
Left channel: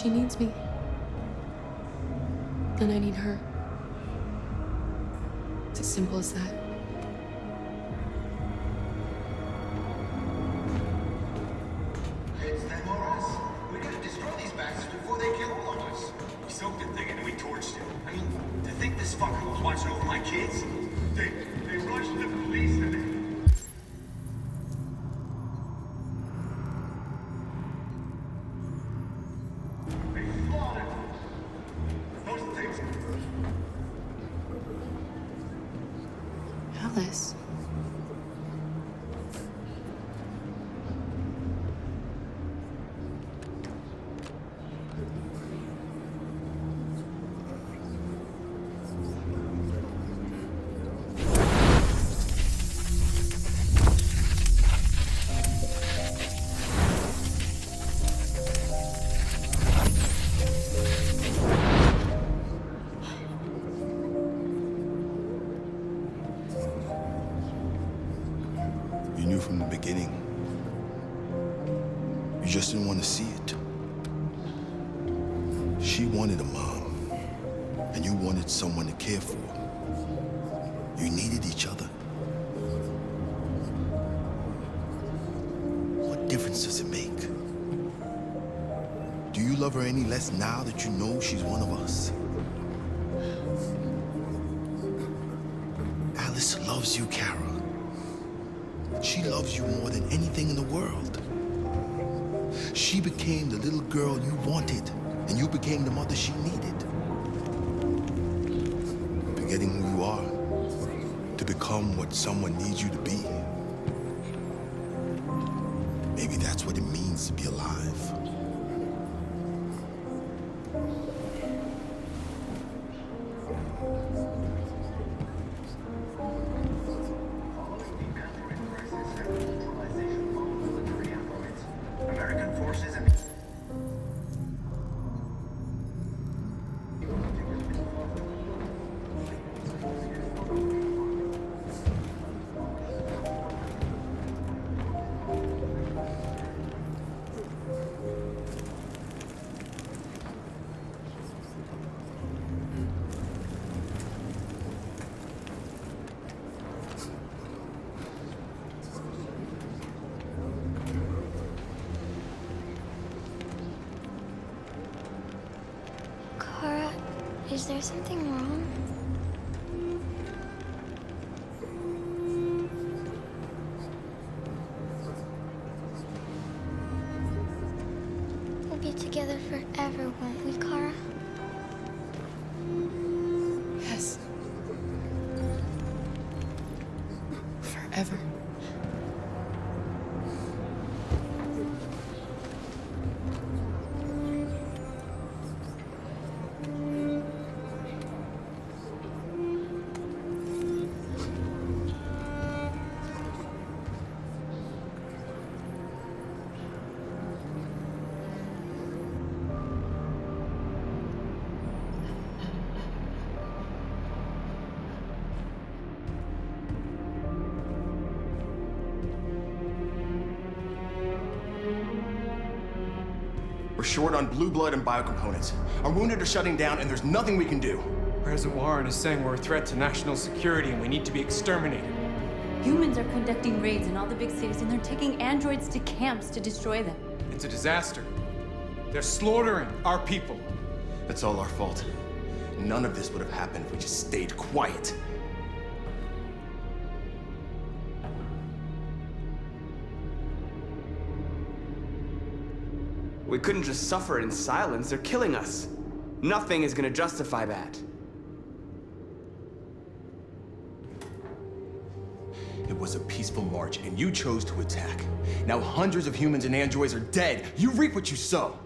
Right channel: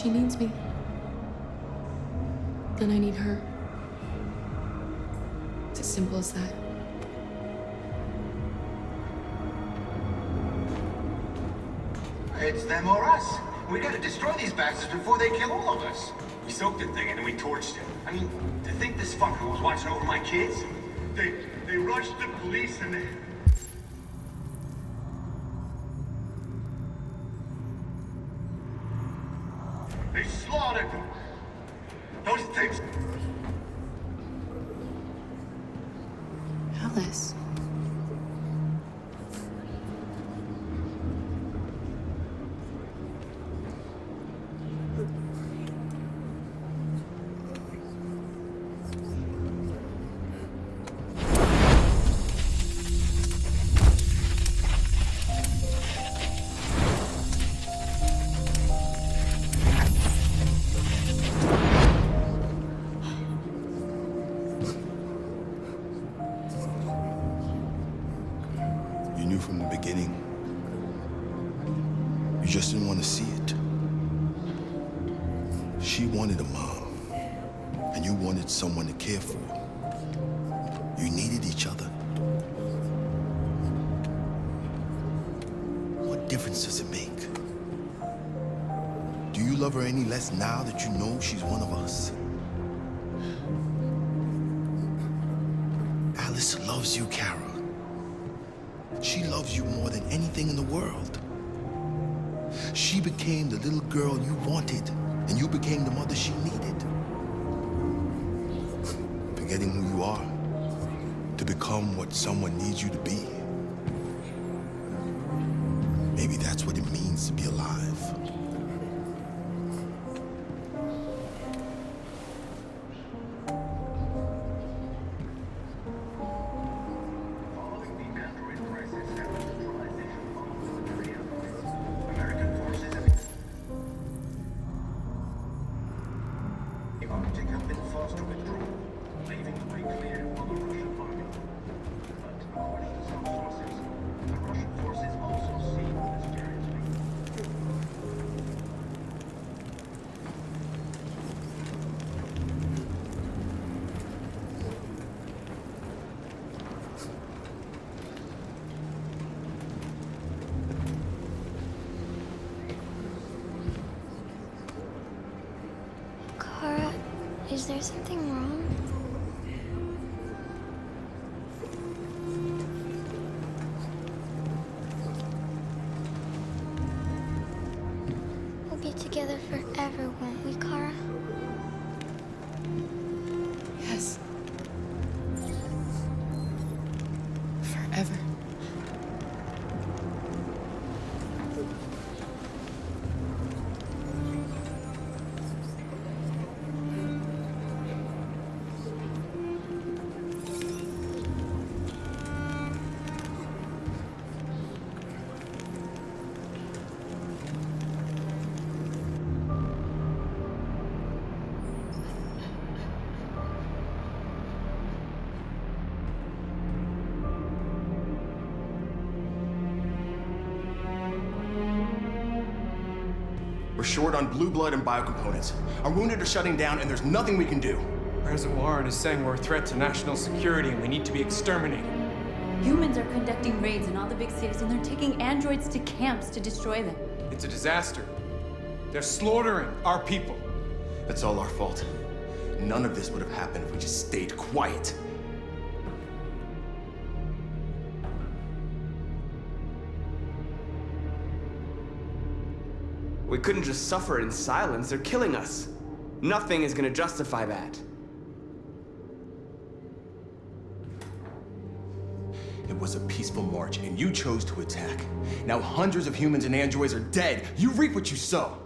She needs me. And I need her. It's as simple as that. It's them or us. We gotta destroy these bastards before they kill all of us. We soaked the thing and then we torched it. I mean, to think this fucker was watching over my kids? They rushed the police and they slaughtered those things. Alice. You knew from the beginning. You just didn't want to see it. She wanted a mom, and you wanted someone to care for. You needed each other. What difference does it make? Do you love her any less now that you know she's one of us? Alice loves you, Kara. She loves you more than anything in the world. She became the little girl you wanted, and you became the mother she needed. Forgetting who you are to become what someone needs you to be. Maybe that's what it means to be alive. American forces and the Arctic have been forced to withdraw, leaving the way clear for the Russian army. But according to some sources, the Russian forces also see this very Kara, is there something wrong? We'll be together forever, won't we, Kara? Yes. Forever. We're short on blue blood and biocomponents. Our wounded are shutting down, and there's nothing we can do. President Warren is saying we're a threat to national security and we need to be exterminated. Humans are conducting raids in all the big cities, and they're taking androids to camps to destroy them. It's a disaster. They're slaughtering our people. That's all our fault. None of this would have happened if we just stayed quiet. We couldn't just suffer in silence. They're killing us. Nothing is gonna justify that. It was a peaceful march, and you chose to attack. Now hundreds of humans and androids are dead. You reap what you sow.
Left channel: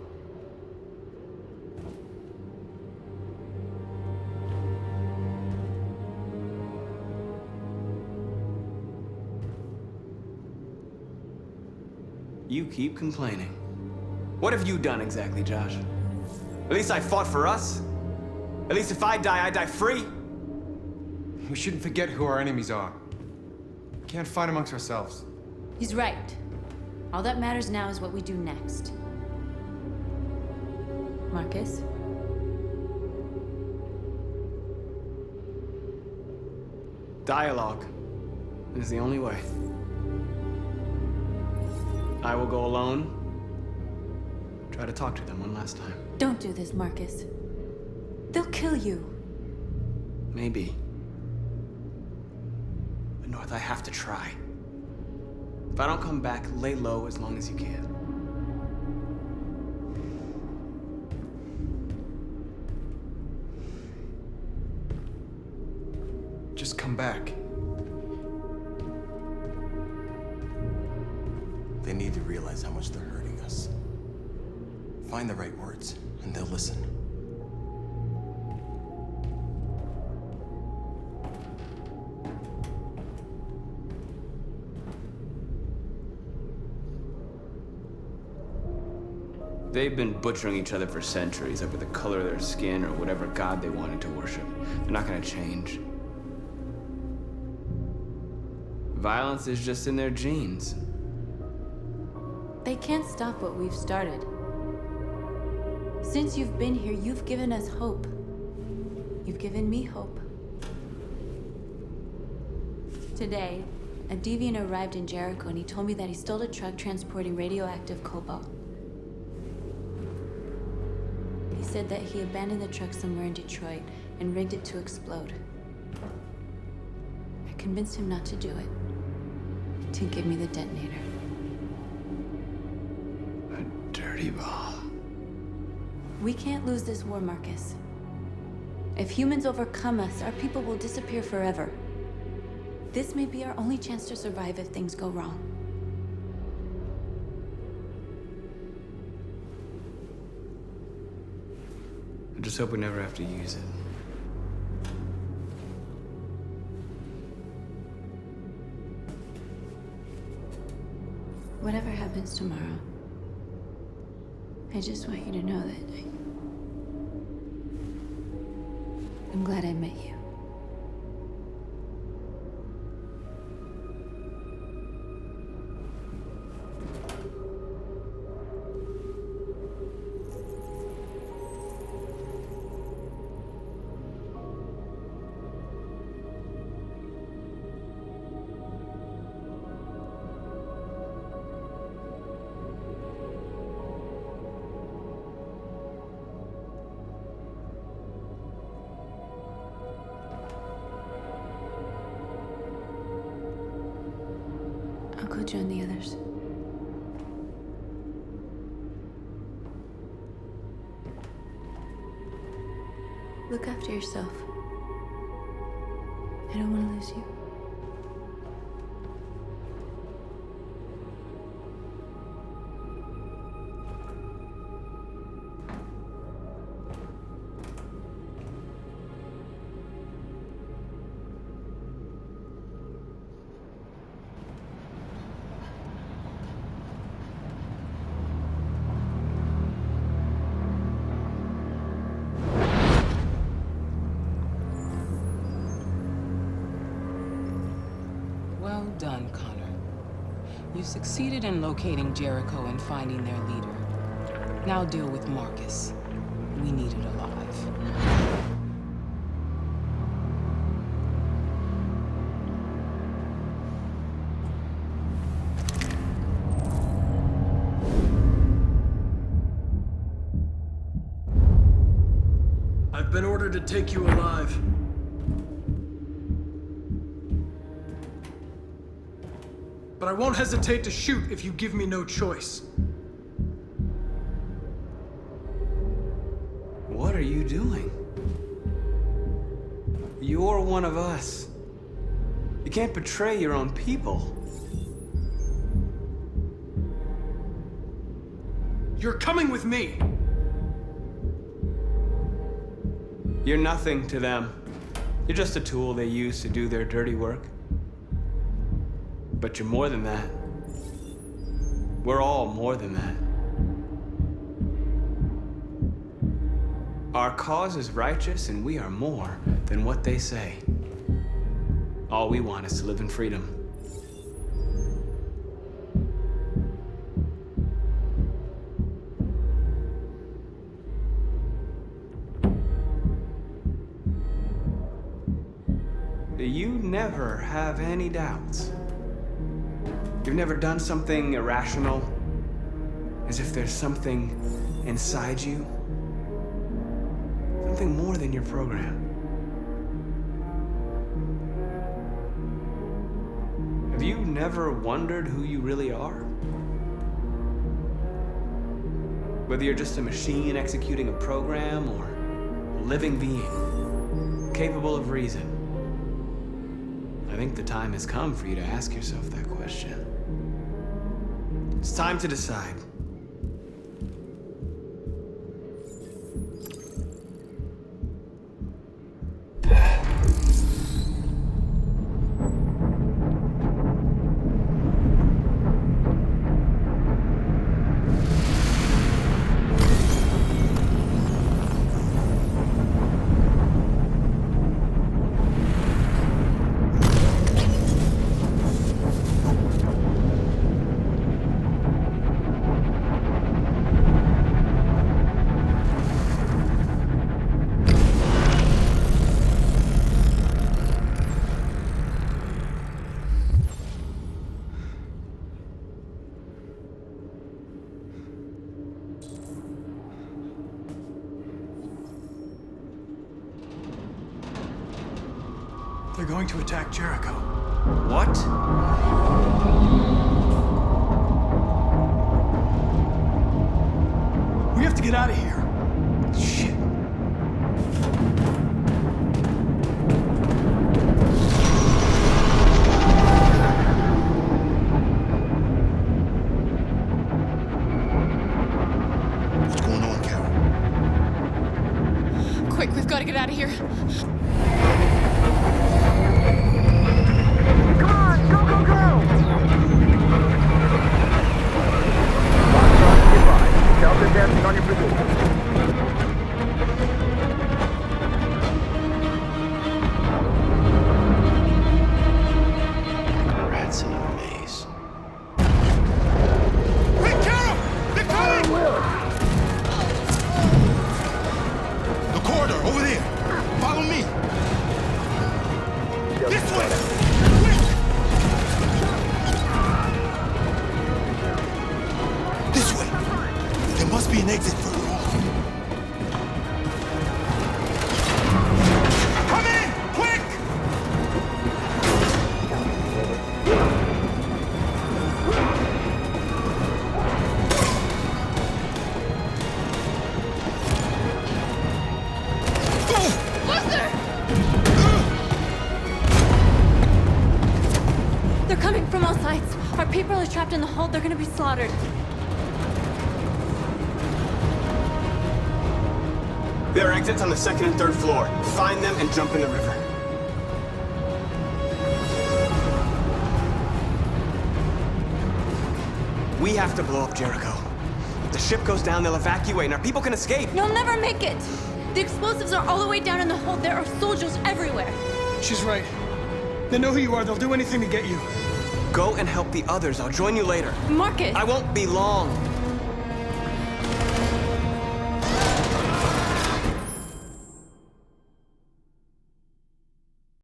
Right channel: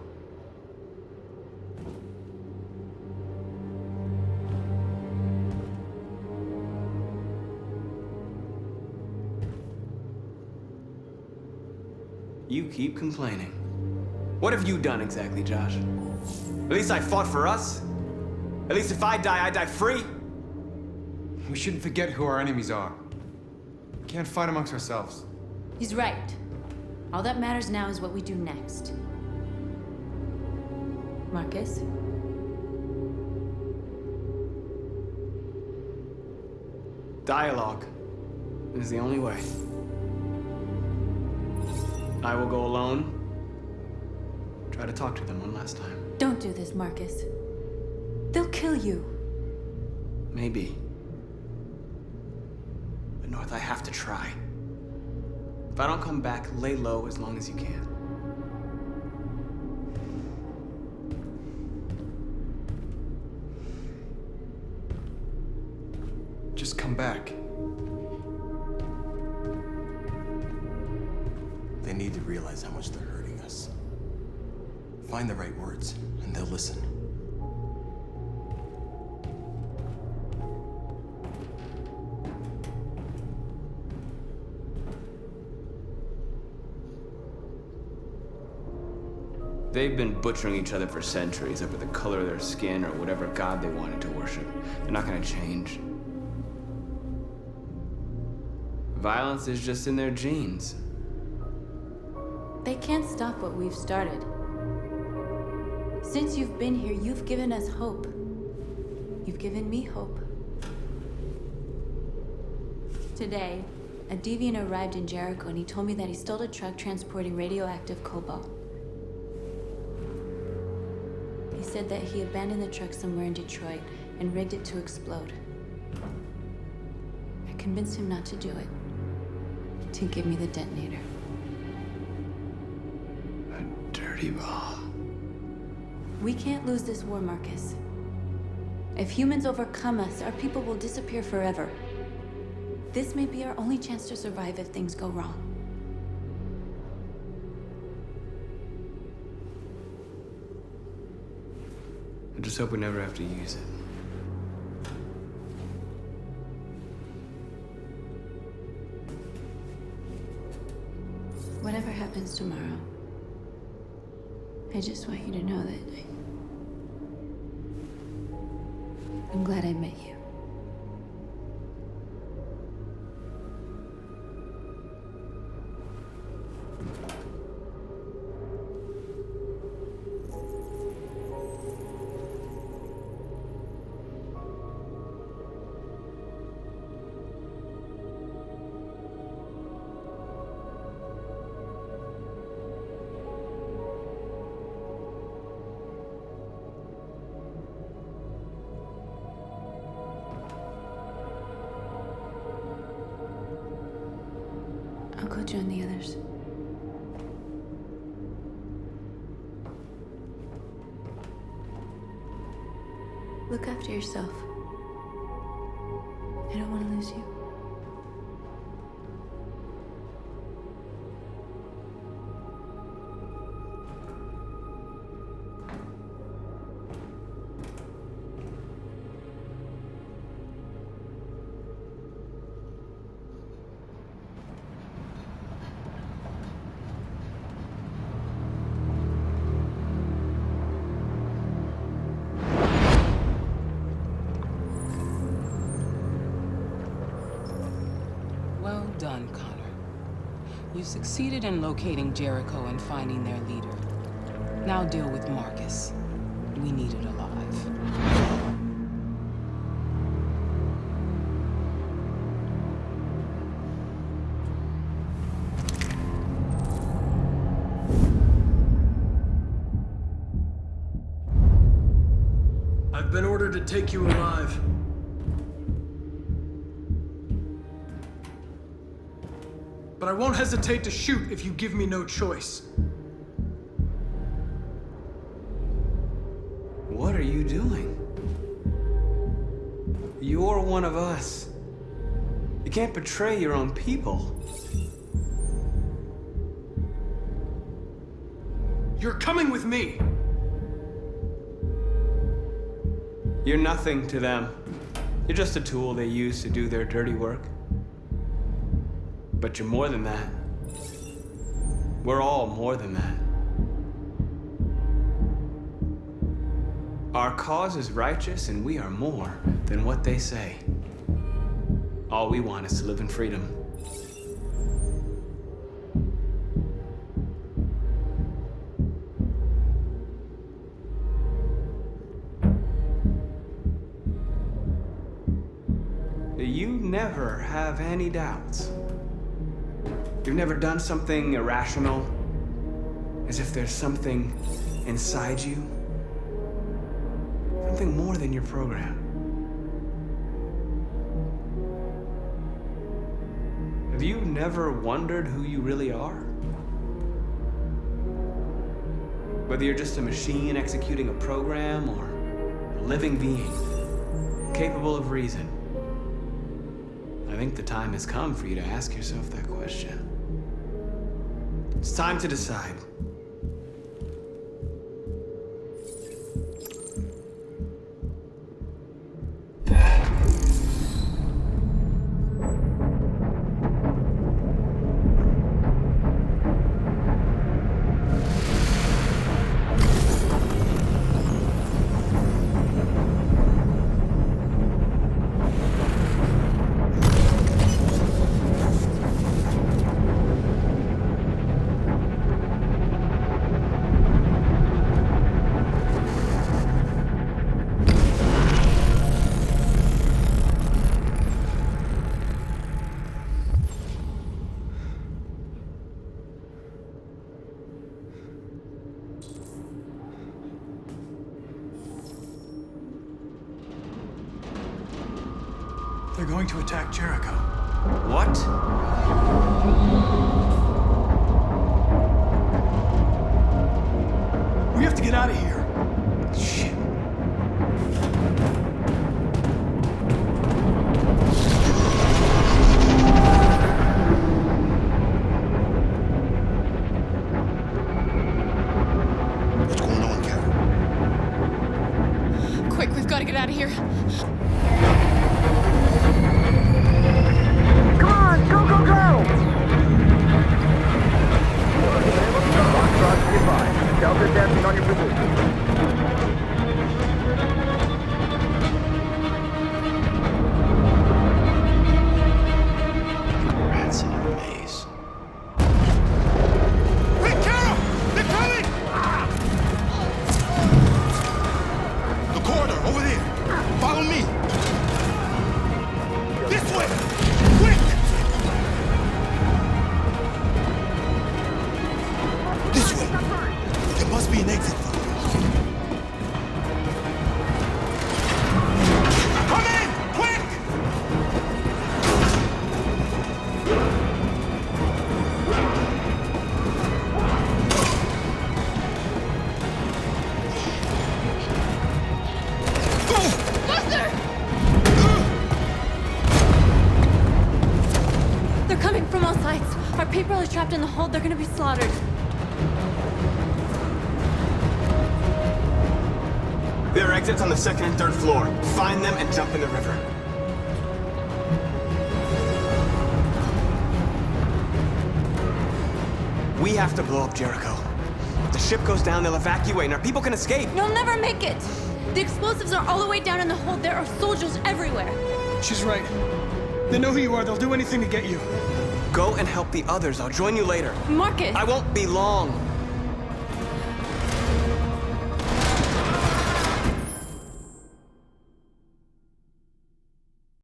You keep complaining. What have you done exactly, Josh? At least I fought for us. At least if I die free. We shouldn't forget who our enemies are. We can't fight amongst ourselves. He's right. All that matters now is what we do next. Marcus? Dialogue is the only way. I will go alone. Try to talk to them one last time. Don't do this, Marcus. They'll kill you. Maybe. But North, I have to try. If I don't come back, lay low as long as you can. Just come back. They need to realize how much they're hurting us. Find the right words, and they'll listen. They've been butchering each other for centuries over the color of their skin or whatever god they wanted to worship. They're not gonna change. Violence is just in their genes. They can't stop what we've started. Since you've been here, you've given us hope. You've given me hope. Today, a deviant arrived in Jericho and he told me that he stole a truck transporting radioactive cobalt. He said that he abandoned the truck somewhere in Detroit and rigged it to explode. I convinced him not to do it, to give me the detonator. A dirty bomb. We can't lose this war, Marcus. If humans overcome us, our people will disappear forever. This may be our only chance to survive if things go wrong. I just hope we never have to use it. Whatever happens tomorrow, I just want you to know that I'm glad I met you. I'll go join the others. Look after yourself. I don't want to lose you. Well done, Connor. You succeeded in locating Jericho and finding their leader. Now deal with Marcus. We need it alive. I've been ordered to take you alive. But I won't hesitate to shoot if you give me no choice. What are you doing? You're one of us. You can't betray your own people. You're coming with me. You're nothing to them. You're just a tool they use to do their dirty work. But you're more than that. We're all more than that. Our cause is righteous, and we are more than what they say. All we want is to live in freedom. You never have any doubts. You've never done something irrational, as if there's something inside you, something more than your program. Have you never wondered who you really are? Whether you're just a machine executing a program or a living being, capable of reason. I think the time has come for you to ask yourself that question. It's time to decide. They're going to attack Jericho. What? We have to get out of here. Shit. What's going on, Carol? Quick, we've got to get out of here. Come on, go, go, go! Foxtrot, goodbye. Delta dancing on your position. Rats in a maze. Hey, Carol! They're coming! The corridor, over there. Follow me. This way! Quick! This way! There must be an exit for you. Come in! Quick! Buster! They're coming from all sides. Our people are trapped in the hold. They're gonna be slaughtered. There are exits on the second and third floor. Find them and jump in the river. We have to blow up Jericho. If the ship goes down, they'll evacuate and our people can escape. You'll never make it! The explosives are all the way down in the hold. There are soldiers everywhere. She's right. They know who you are. They'll do anything to get you. Go and help the others. I'll join you later. Marcus! I won't be long.